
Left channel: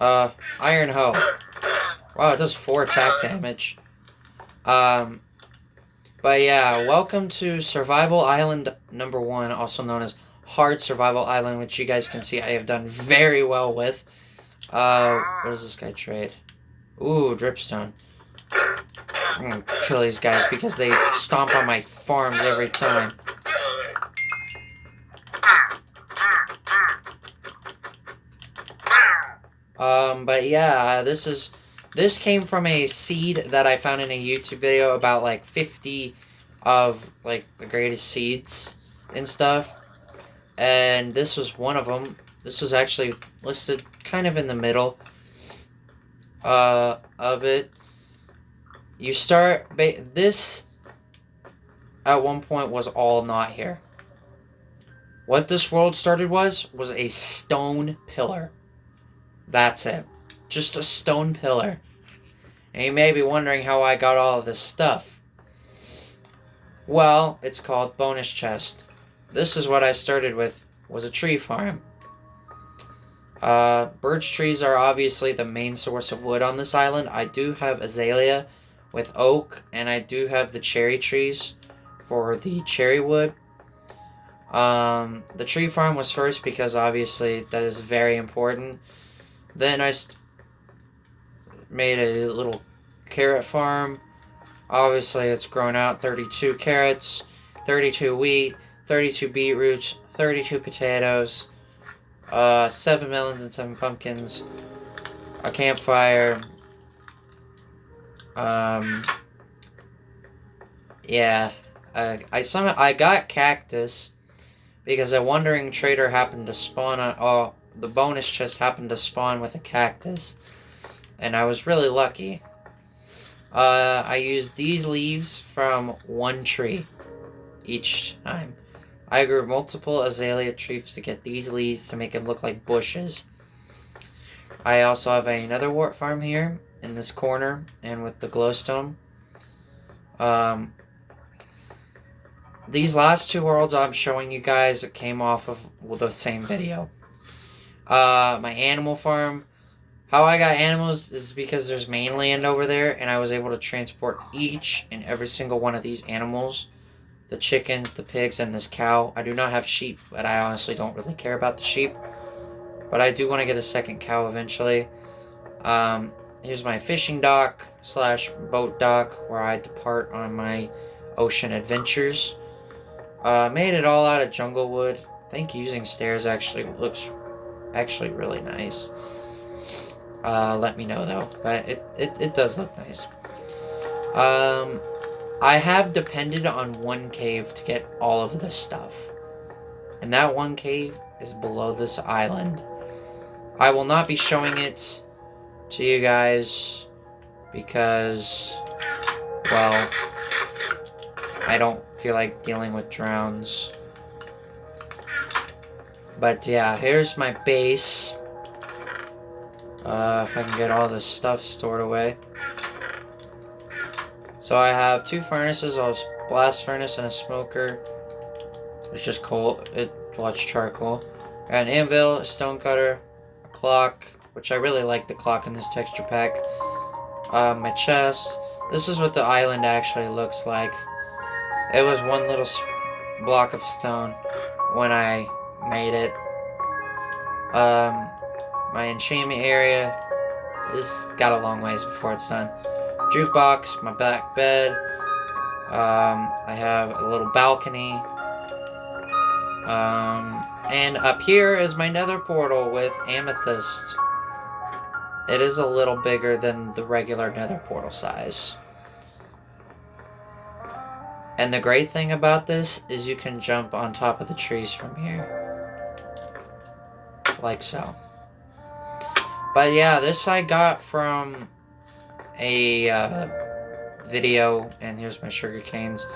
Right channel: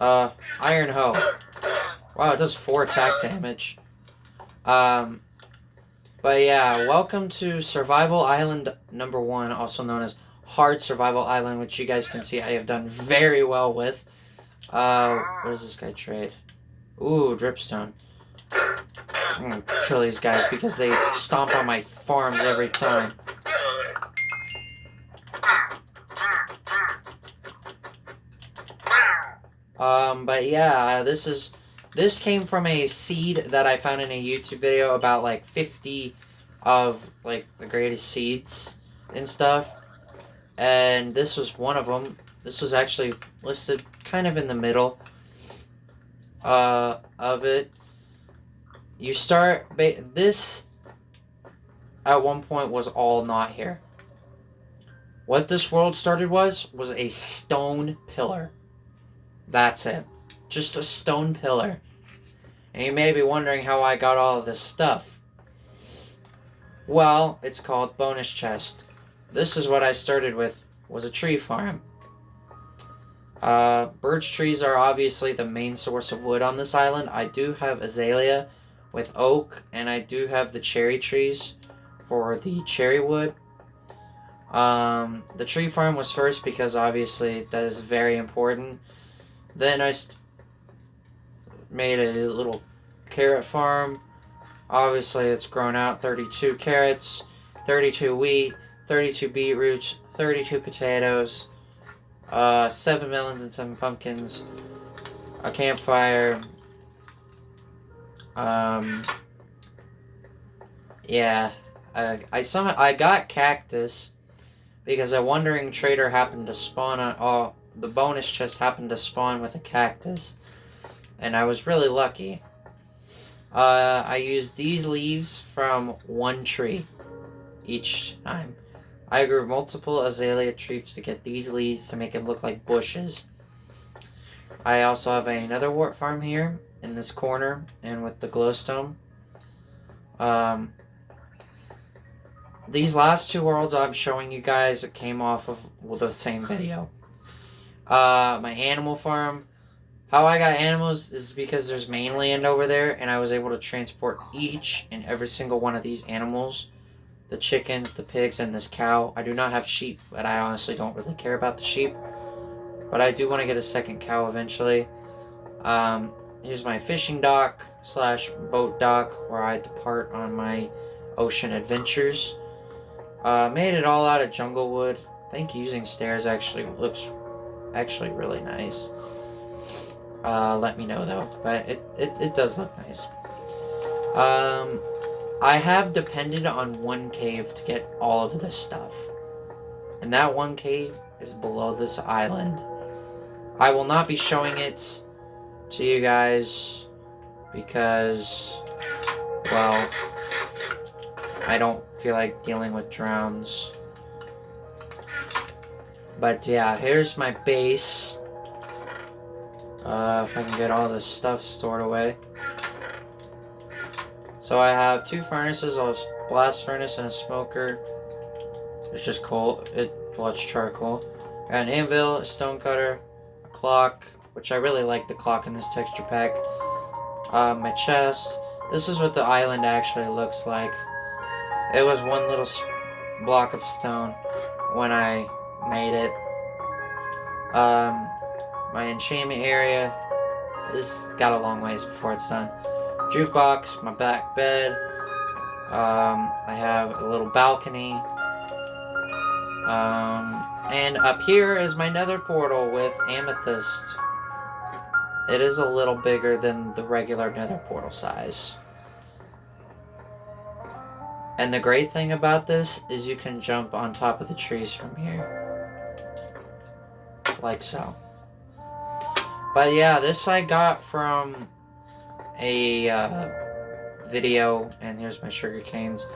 Iron hoe. Wow, it does 4 attack damage. But yeah, welcome to Survival Island number 1, also known as Hard Survival Island, which you guys can see I have done very well with. What does this guy trade? Ooh, dripstone. I'm gonna kill these guys because they stomp on my farms every time. But yeah, this came from a seed that I found in a YouTube video about like 50 of like the greatest seeds and stuff. And this was one of them. This was actually listed kind of in the middle of it. You start this at one point was all not here. What this world started was a stone pillar. That's it. Just a stone pillar. And you may be wondering how I got all of this stuff. Well, it's called bonus chest. This is what I started with, was a tree farm. Birch trees are obviously the main source of wood on this island. I do have azalea with oak, and I do have the cherry trees for the cherry wood. The tree farm was first because obviously that is very important. Then I made a little carrot farm. Obviously it's grown out 32 carrots, 32 wheat, 32 beetroots, 32 potatoes, 7 melons and 7 pumpkins, a campfire. Yeah, I got cactus because a wandering trader happened to spawn on the bonus chest happened to spawn with a cactus, and I was really lucky. I used these leaves from one tree each time. I grew multiple azalea trees to get these leaves to make them look like bushes. I also have another wart farm here in this corner and with the glowstone. These last 2 worlds I'm showing you guys came off of the same video. My animal farm. How I got animals is because there's mainland over there, and I was able to transport each and every single one of these animals. The chickens, the pigs, and this cow. I do not have sheep, but I honestly don't really care about the sheep. But I do want to get a second cow eventually. Here's my fishing dock slash boat dock where I depart on my ocean adventures. Made it all out of jungle wood. I think using stairs actually looks really nice. Let me know though, but it does look nice. I have depended on one cave to get all of this stuff. And that one cave is below this island. I will not be showing it to you guys because, well, I don't feel like dealing with drowns. But yeah, here's my base. If I can get all this stuff stored away. So I have 2 furnaces, a blast furnace and a smoker. It's just coal. Well, it's charcoal. Got an anvil, a stone cutter, a clock, which I really like the clock in this texture pack. My chest. This is what the island actually looks like. It was one little block of stone when I made it. My enchantment area is got a long ways before it's done. Jukebox, my back bed. I have a little balcony. And up here is my nether portal with amethyst. It is a little bigger than the regular nether portal size. And the great thing about this is you can jump on top of the trees from here. Like so. But yeah, this I got from a video, and here's my sugar canes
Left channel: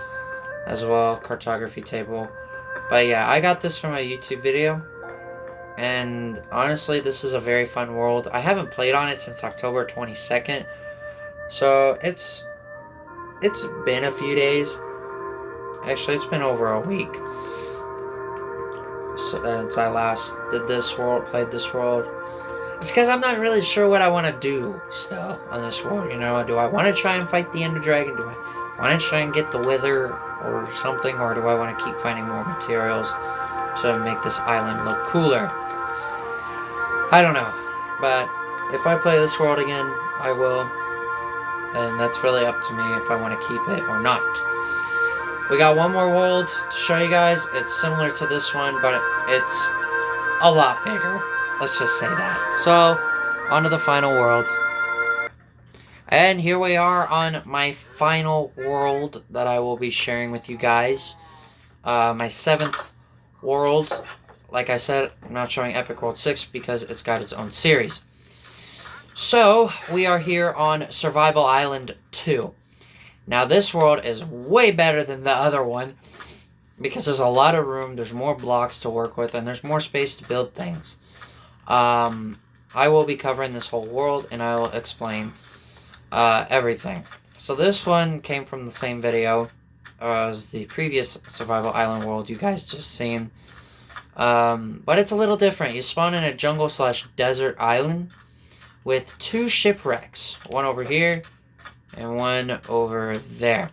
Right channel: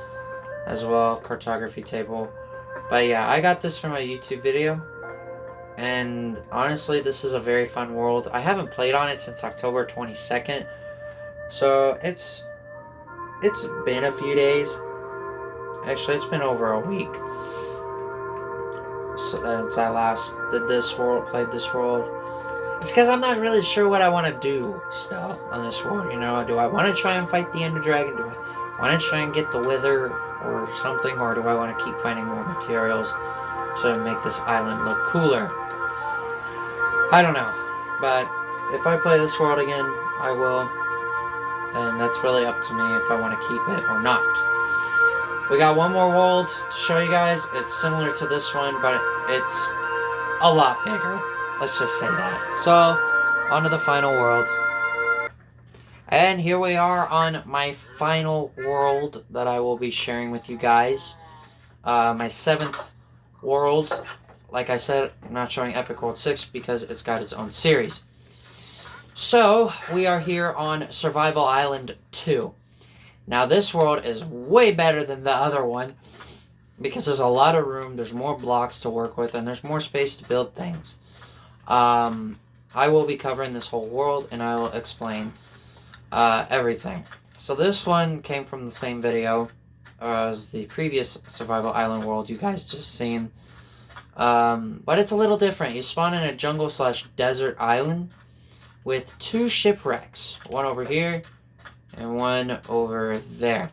as well, cartography table. But yeah, I got this from a YouTube video, and honestly, this is a very fun world. I haven't played on it since October 22nd, so it's been a few days. Actually, it's been over a week since I last did this world, played this world. It's because I'm not really sure what I want to do still on this world, you know? Do I want to try and fight the Ender Dragon? Do I want to try and get the Wither or something? Or do I want to keep finding more materials to make this island look cooler? I don't know. But if I play this world again, I will. And that's really up to me if I want to keep it or not. We got one more world to show you guys. It's similar to this one, but it's a lot bigger. Let's just say that. So, on to the final world. And here we are on my final world that I will be sharing with you guys. My 7th world. Like I said, I'm not showing Epic World 6 because it's got its own series. So, we are here on Survival Island 2. Now, this world is way better than the other one because there's a lot of room, there's more blocks to work with, and there's more space to build things. I will be covering this whole world, and I will explain everything. So this one came from the same video as the previous Survival Island world you guys just seen. But it's a little different. You spawn in a jungle/desert island with 2 shipwrecks. One over here, and one over there.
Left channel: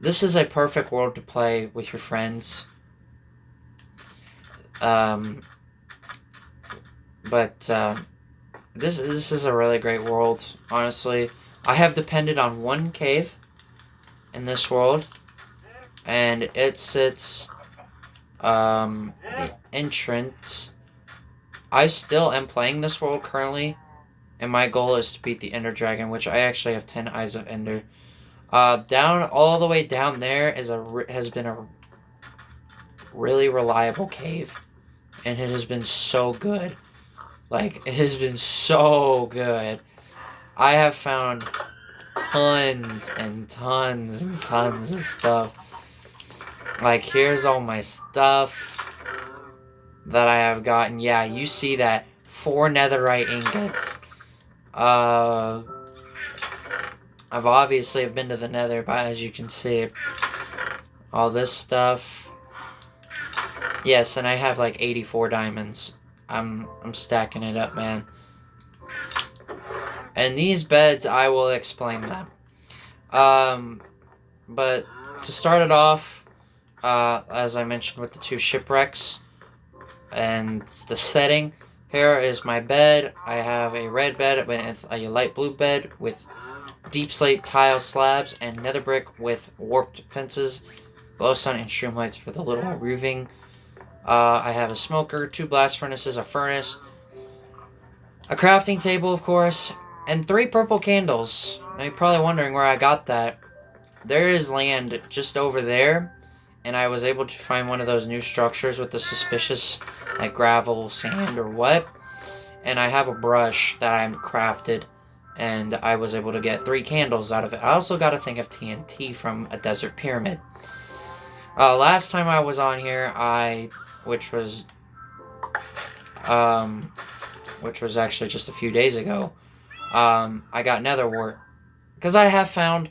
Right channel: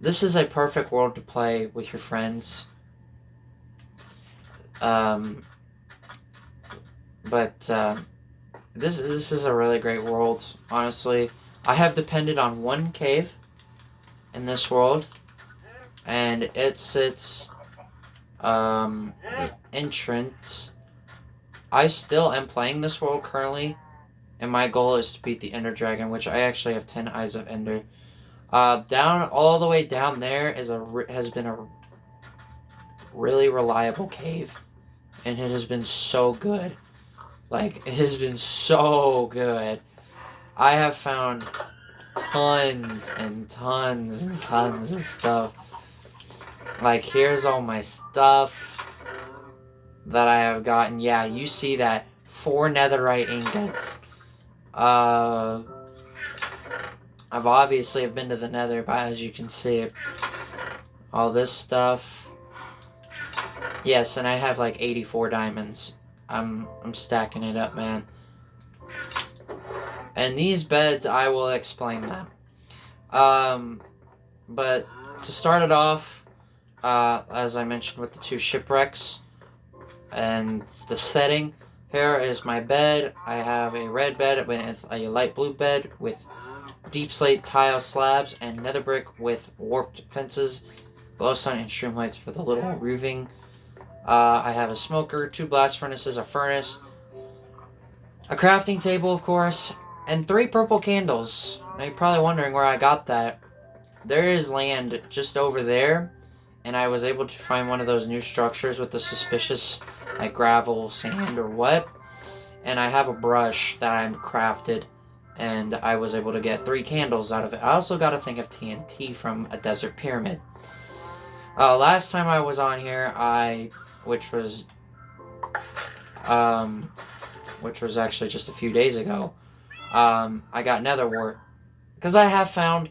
This is a perfect world to play with your friends. But this is a really great world, honestly. I have depended on one cave in this world, and it sits the entrance. I still am playing this world currently, and my goal is to beat the Ender Dragon, which I actually have 10 Eyes of Ender. Down all the way down there has been a really reliable cave, and it has been so good. Like, it has been so good. I have found tons and tons and tons of stuff. Like, here's all my stuff that I have gotten. Yeah, you see that. 4 netherite ingots. I've obviously been to the nether, but as you can see, all this stuff. Yes, and I have like 84 diamonds. I'm stacking it up, man. And these beds, I will explain them. But to start it off, as I mentioned with the 2 shipwrecks and the setting, Here is my bed. I have a red bed with a light blue bed with deep slate tile slabs and nether brick with warped fences, glowstone, and streamlights for the little roofing. I have a smoker, 2 blast furnaces, a furnace, a crafting table, of course, and 3 purple candles. Now you're probably wondering where I got that. There is land just over there, and I was able to find one of those new structures with the suspicious, like, gravel, sand, or what. And I have a brush that I crafted, and I was able to get 3 candles out of it. I also got a thing of TNT from a desert pyramid. Last time I was on here, which was actually just a few days ago, I got nether wart. Because I have found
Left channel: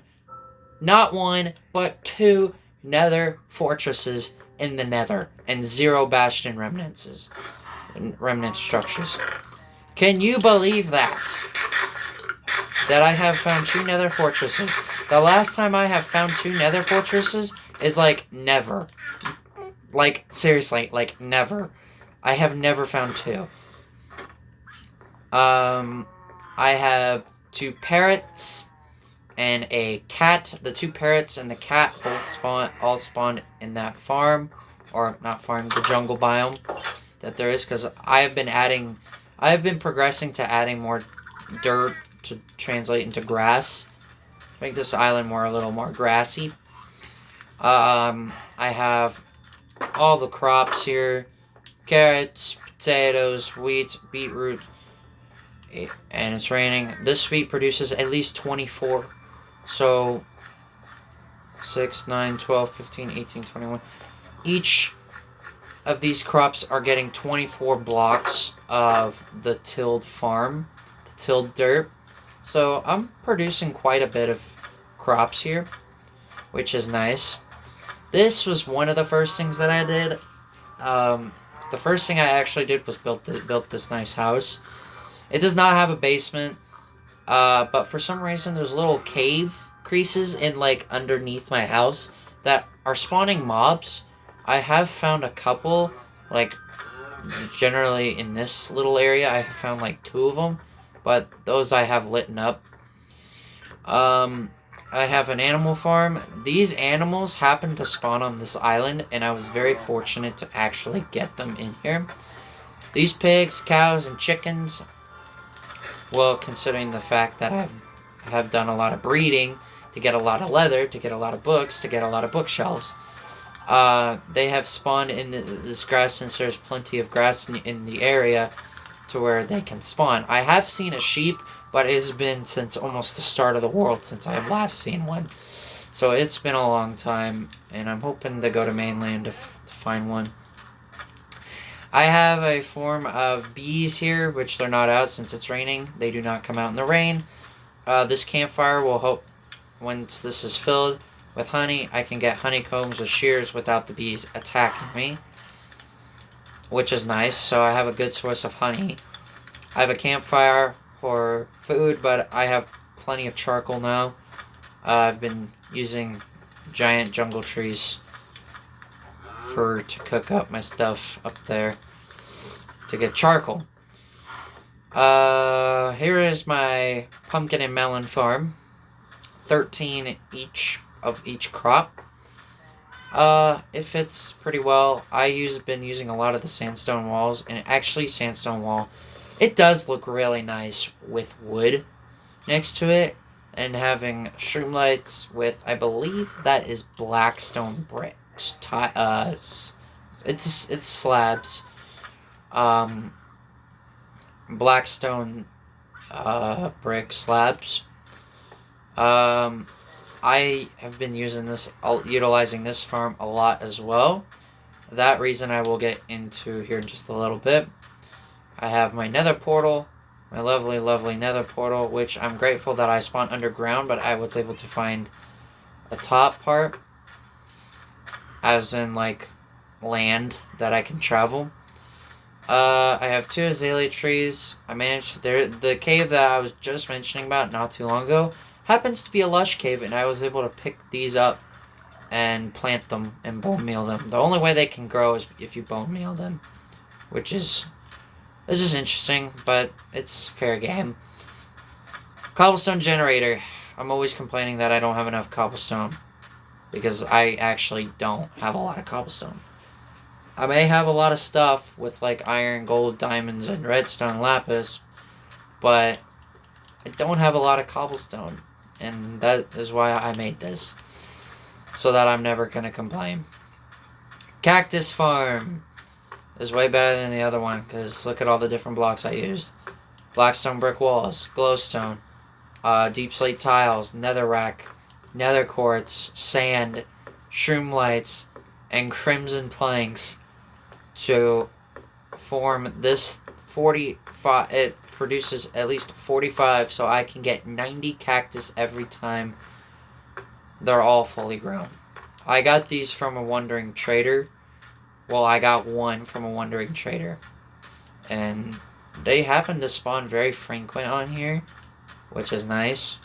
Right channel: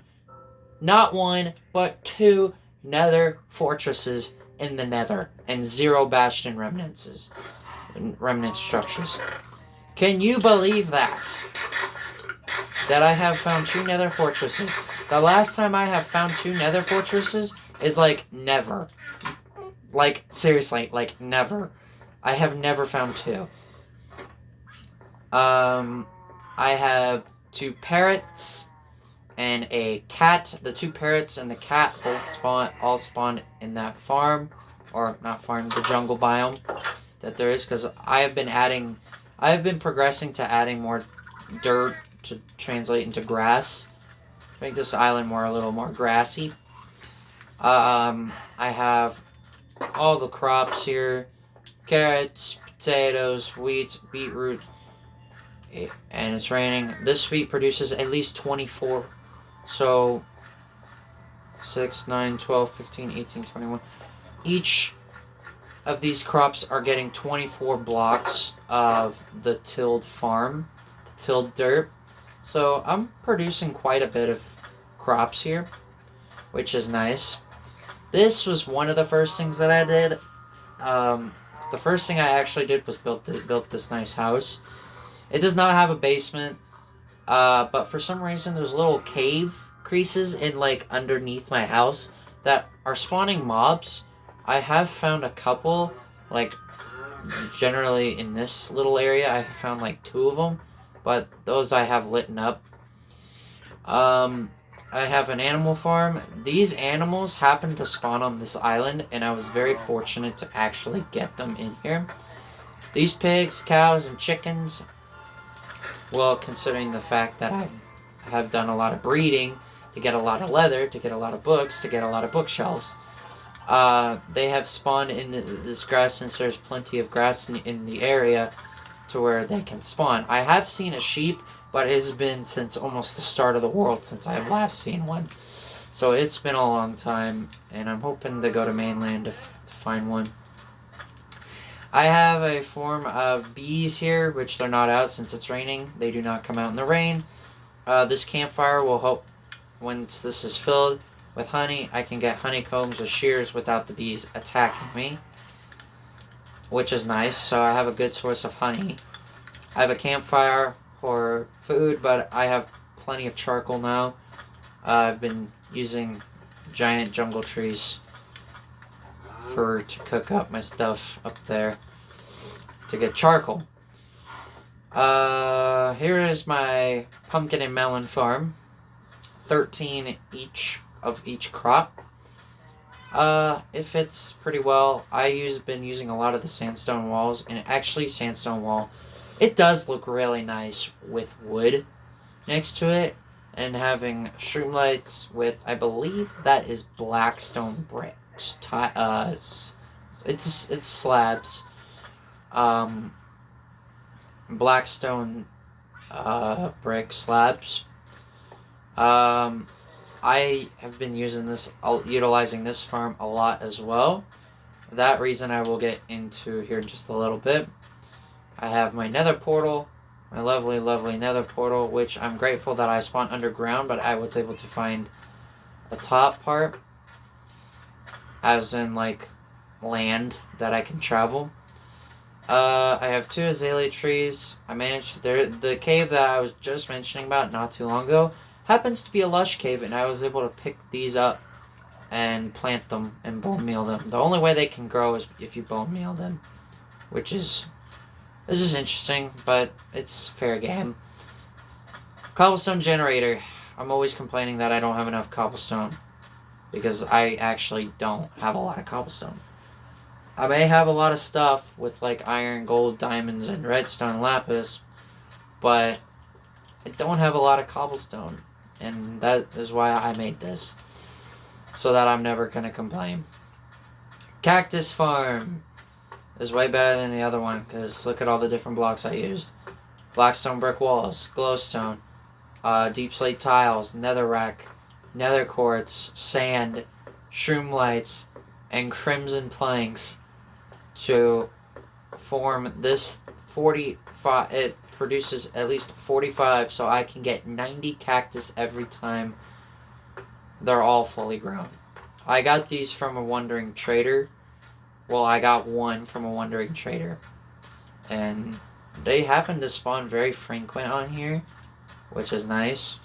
not 1, but 2 nether fortresses in the nether, and 0 bastion remnant structures. Can you believe that? That I have found 2 nether fortresses. The last time I have found 2 nether fortresses is like never. Like, seriously, like never. I have never found 2. I have 2 parrots and a cat. The 2 parrots and the cat all spawned in that farm, or not farm, the jungle biome that there is, because I have been progressing to adding more dirt to translate into grass, make this island a little more grassy. I have all the crops here: carrots, potatoes, wheat, beetroot, and it's raining. This wheat produces at least 24. So 6, 9, 12, 15, 18, 21. Each of these crops are getting 24 blocks of the tilled farm, the tilled dirt. So I'm producing quite a bit of crops here, which is nice. This was one of the first things that I did. The first thing I actually did was built this nice house. It does not have a basement, but for some reason there's little cave creases in like underneath my house that are spawning mobs. I have found a couple, like generally in this little area I have found like 2 of them, but those I have lit up. I have an animal farm. These animals happen to spawn on this island, and I was very fortunate to actually get them in here. These pigs, cows, and chickens, well, considering the fact that I have done a lot of breeding to get a lot of leather, to get a lot of books, to get a lot of bookshelves, they have spawned in this grass, since there's plenty of grass in the area to where they can spawn. I have seen a sheep, but it has been since almost the start of the world since I have last seen one. So it's been a long time, and I'm hoping to go to mainland to find one. I have a form of bees here, which they're not out since it's raining. They do not come out in the rain. This campfire will help. Once this is filled with honey, I can get honeycombs with shears without the bees attacking me, which is nice. So I have a good source of honey. I have a campfire for food, but I have plenty of charcoal now. I've been using giant jungle trees to cook up my stuff up there to get charcoal. Here is my pumpkin and melon farm. 13 of each crop. It fits pretty well. Been using a lot of the sandstone walls, and actually sandstone wall, it does look really nice with wood next to it, and having streamlights with, I believe that is blackstone bricks. It's slabs. Blackstone brick slabs. I have been utilizing this farm a lot as well. That reason I will get into here in just a little bit. I have my nether portal, my lovely, lovely nether portal, which I'm grateful that I spawned underground, but I was able to find a top part, as in like land that I can travel. I have 2 azalea trees. I managed the cave that I was just mentioning about not too long ago happens to be a lush cave, and I was able to pick these up and plant them and bone meal them. The only way they can grow is if you bone meal them, which is It's just interesting, but it's fair game. Cobblestone generator. I'm always complaining that I don't have enough cobblestone. Because I actually don't have a lot of cobblestone. I may have a lot of stuff with like iron, gold, diamonds, and redstone lapis, but I don't have a lot of cobblestone. And that is why I made this. So that I'm never going to complain. Cactus farm is way better than the other one because look at all the different blocks I used. Blackstone brick walls, glowstone, deep slate tiles, netherrack, nether quartz, sand, shroom lights, and crimson planks to form this 45. It produces at least 45, so I can get 90 cactus every time they're all fully grown. I got these from a wandering trader. Well, I got one from a wandering trader. And they happen to spawn very frequent on here, which is nice.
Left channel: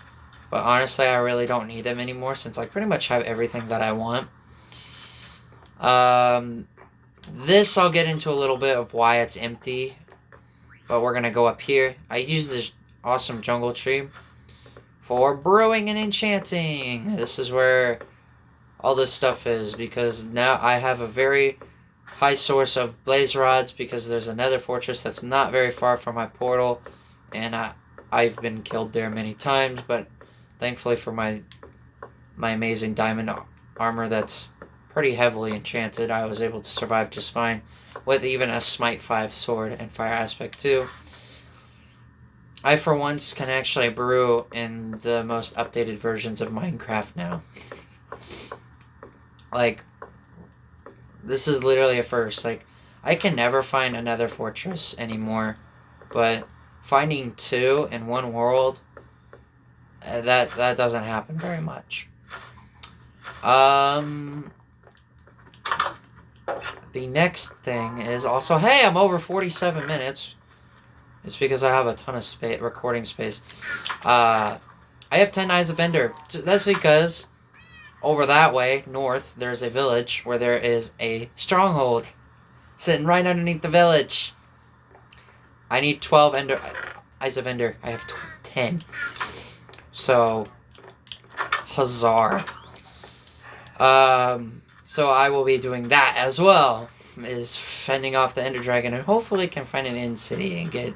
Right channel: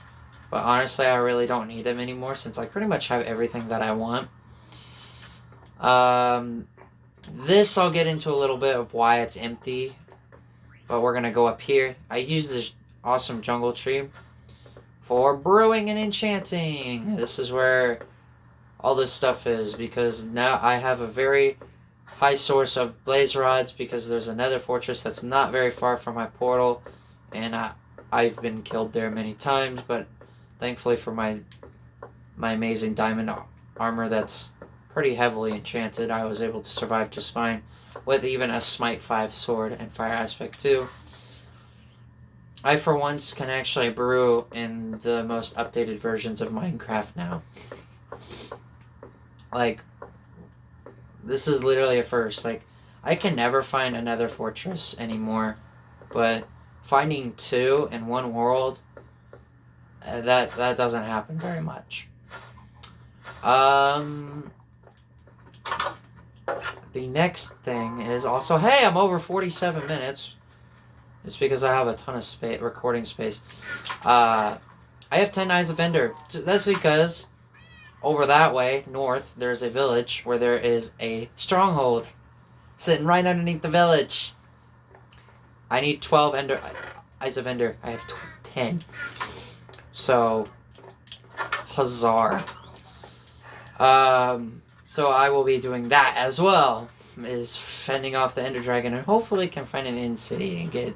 But honestly, I really don't need them anymore since I pretty much have everything that I want. This I'll get into a little bit of why it's empty. But we're going to go up here. I use this awesome jungle tree for brewing and enchanting. This is where all this stuff is because now I have a very high source of blaze rods because there's another fortress that's not very far from my portal, and I've been killed there many times, but thankfully for my amazing diamond armor that's pretty heavily enchanted, I was able to survive just fine with even a Smite 5 sword and Fire Aspect 2. I, for once, can actually brew in the most updated versions of Minecraft now. Like, this is literally a first. Like, I can never find another fortress anymore, but finding two in one world, that doesn't happen very much. The next thing is also, hey, I'm over 47 minutes. It's because I have a ton of recording space. I have 10 Eyes of Ender. That's because over that way, north, there's a village where there is a stronghold sitting right underneath the village. I need 12 Eyes of Ender. I have 10. So, huzzah. So I will be doing that as well, is fending off the Ender Dragon, and hopefully can find an End City and get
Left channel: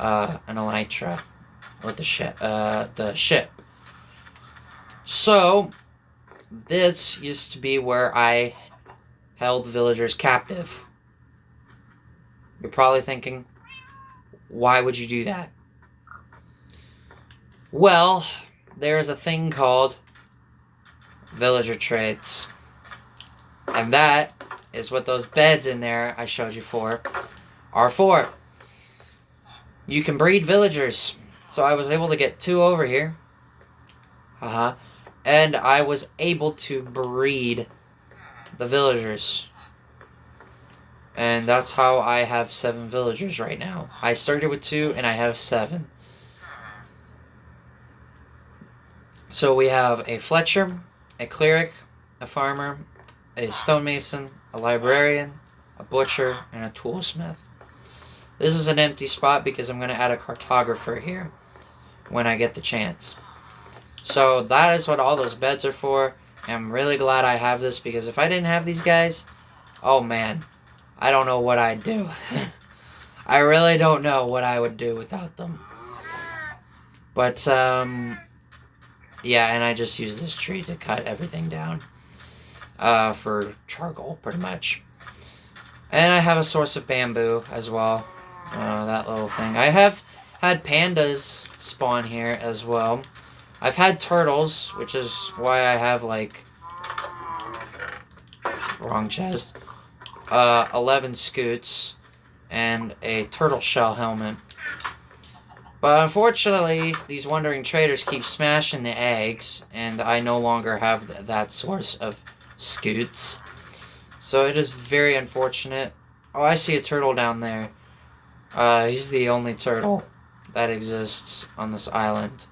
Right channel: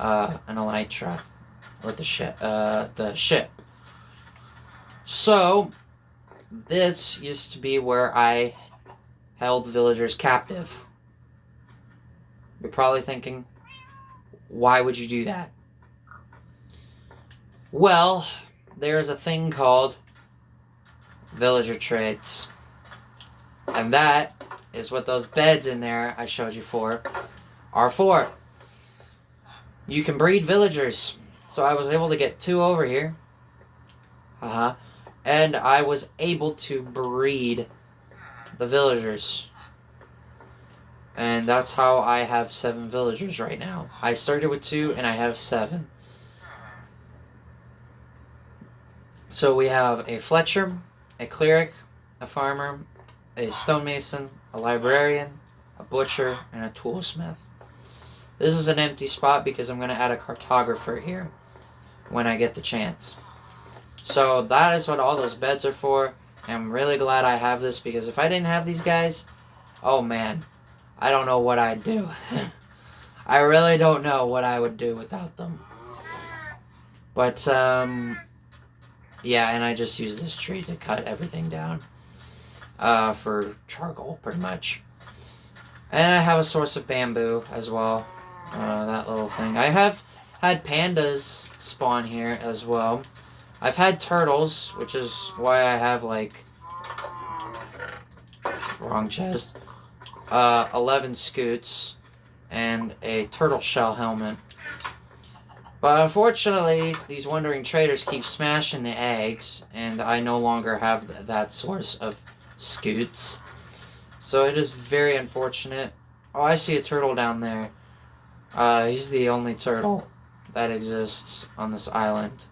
an Elytra with the ship. So, this used to be where I held villagers captive. You're probably thinking, why would you do that? Well, there is a thing called villager trades. And that is what those beds in there I showed you are for. You can breed villagers. So I was able to get 2 over here. And I was able to breed the villagers. And that's how I have 7 villagers right now. I started with 2 and I have 7. So we have a Fletcher, a Cleric, a Farmer, a Stonemason, a Librarian, a Butcher, and a Toolsmith. This is an empty spot because I'm going to add a Cartographer here when I get the chance. So that is what all those beds are for. And I'm really glad I have this because if I didn't have these guys, oh man, I don't know what I'd do. I really don't know what I would do without them. But, yeah, and I just use this tree to cut everything down for charcoal, pretty much. And I have a source of bamboo as well. That little thing. I have had pandas spawn here as well. I've had turtles, which is why I have, like, wrong chest, 11 scoots, and a turtle shell helmet. But unfortunately, these wandering traders keep smashing the eggs, and I no longer have that source of scoots. So it is very unfortunate. Oh, I see a turtle down there. He's the only turtle that exists on this island,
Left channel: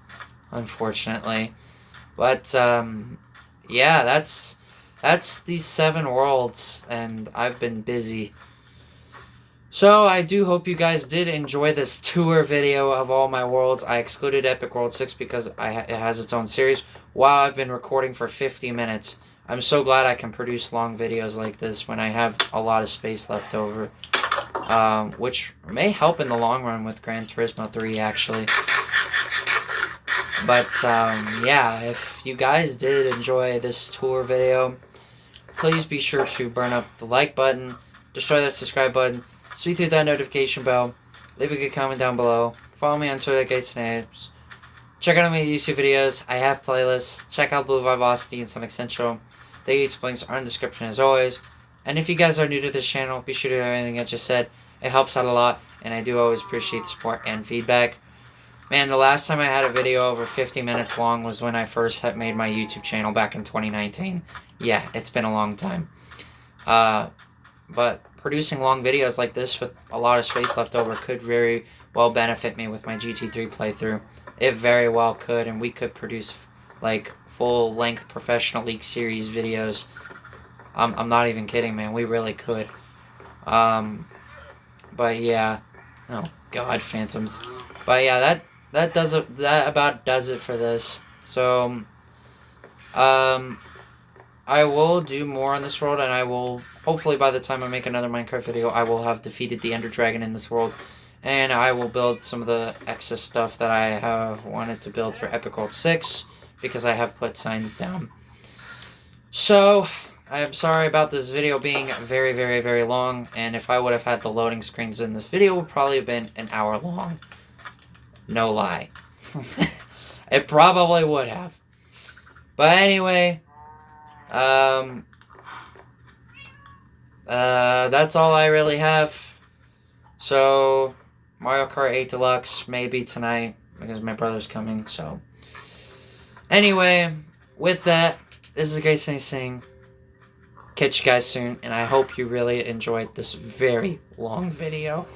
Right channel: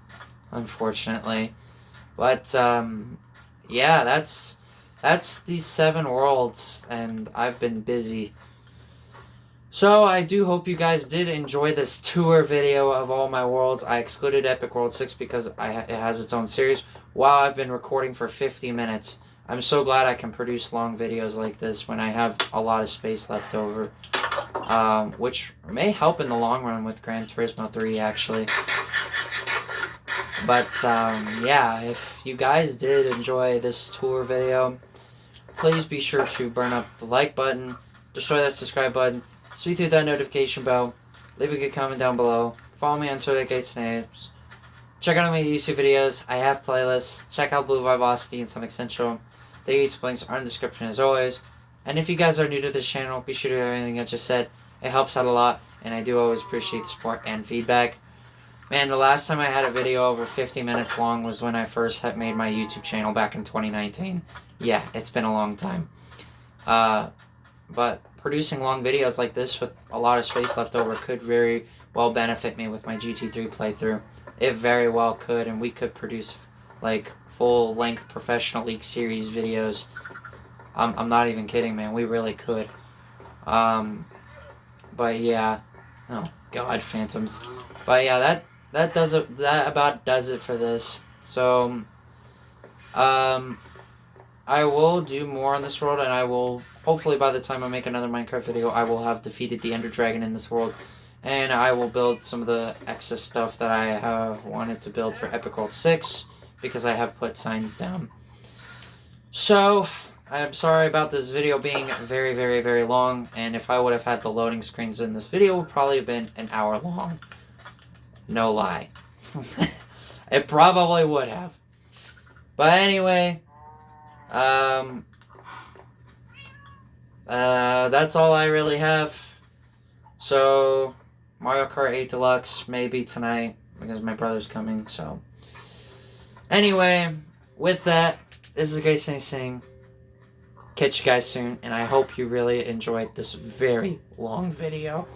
unfortunately. But, yeah, that's these 7 worlds, and I've been busy. So I do hope you guys did enjoy this tour video of all my worlds. I excluded Epic World 6 because it has its own series. Wow, I've been recording for 50 minutes. I'm so glad I can produce long videos like this when I have a lot of space left over. Which may help in the long run with Gran Turismo 3, actually. But, yeah, if you guys did enjoy this tour video, please be sure to burn up the like button, destroy that subscribe button, sweep through that notification bell, leave a good comment down below, follow me on Twitter at GateSnaps, check out my YouTube videos, I have playlists, check out Blue Vivacity and Sonic Central, the YouTube links are in the description as always, and if you guys are new to this channel, be sure to do everything I just said, it helps out a lot, and I do always appreciate the support and feedback. Man, the last time I had a video over 50 minutes long was when I first made my YouTube channel back in 2019. Yeah, it's been a long time. But producing long videos like this with a lot of space left over could very well benefit me with my GT3 playthrough. It very well could, and we could produce, like, full-length Professional League Series videos. I'm not even kidding, man. We really could. But yeah. Oh, God, Phantoms. But yeah, that about does it for this. So, I will do more on this world, and I will, hopefully by the time I make another Minecraft video, I will have defeated the Ender Dragon in this world, and I will build some of the excess stuff that I have wanted to build for Epic World 6, because I have put signs down. So, I'm sorry about this video being very, very, very long, and if I would have had the loading screens in this video, it would probably have been an hour long. No lie. It probably would have. But anyway, that's all I really have. So, Mario Kart 8 Deluxe, maybe tonight, because my brother's coming, so. Anyway, with that, this is Gaysney saying, catch you guys soon, and I hope you really enjoyed this very long video.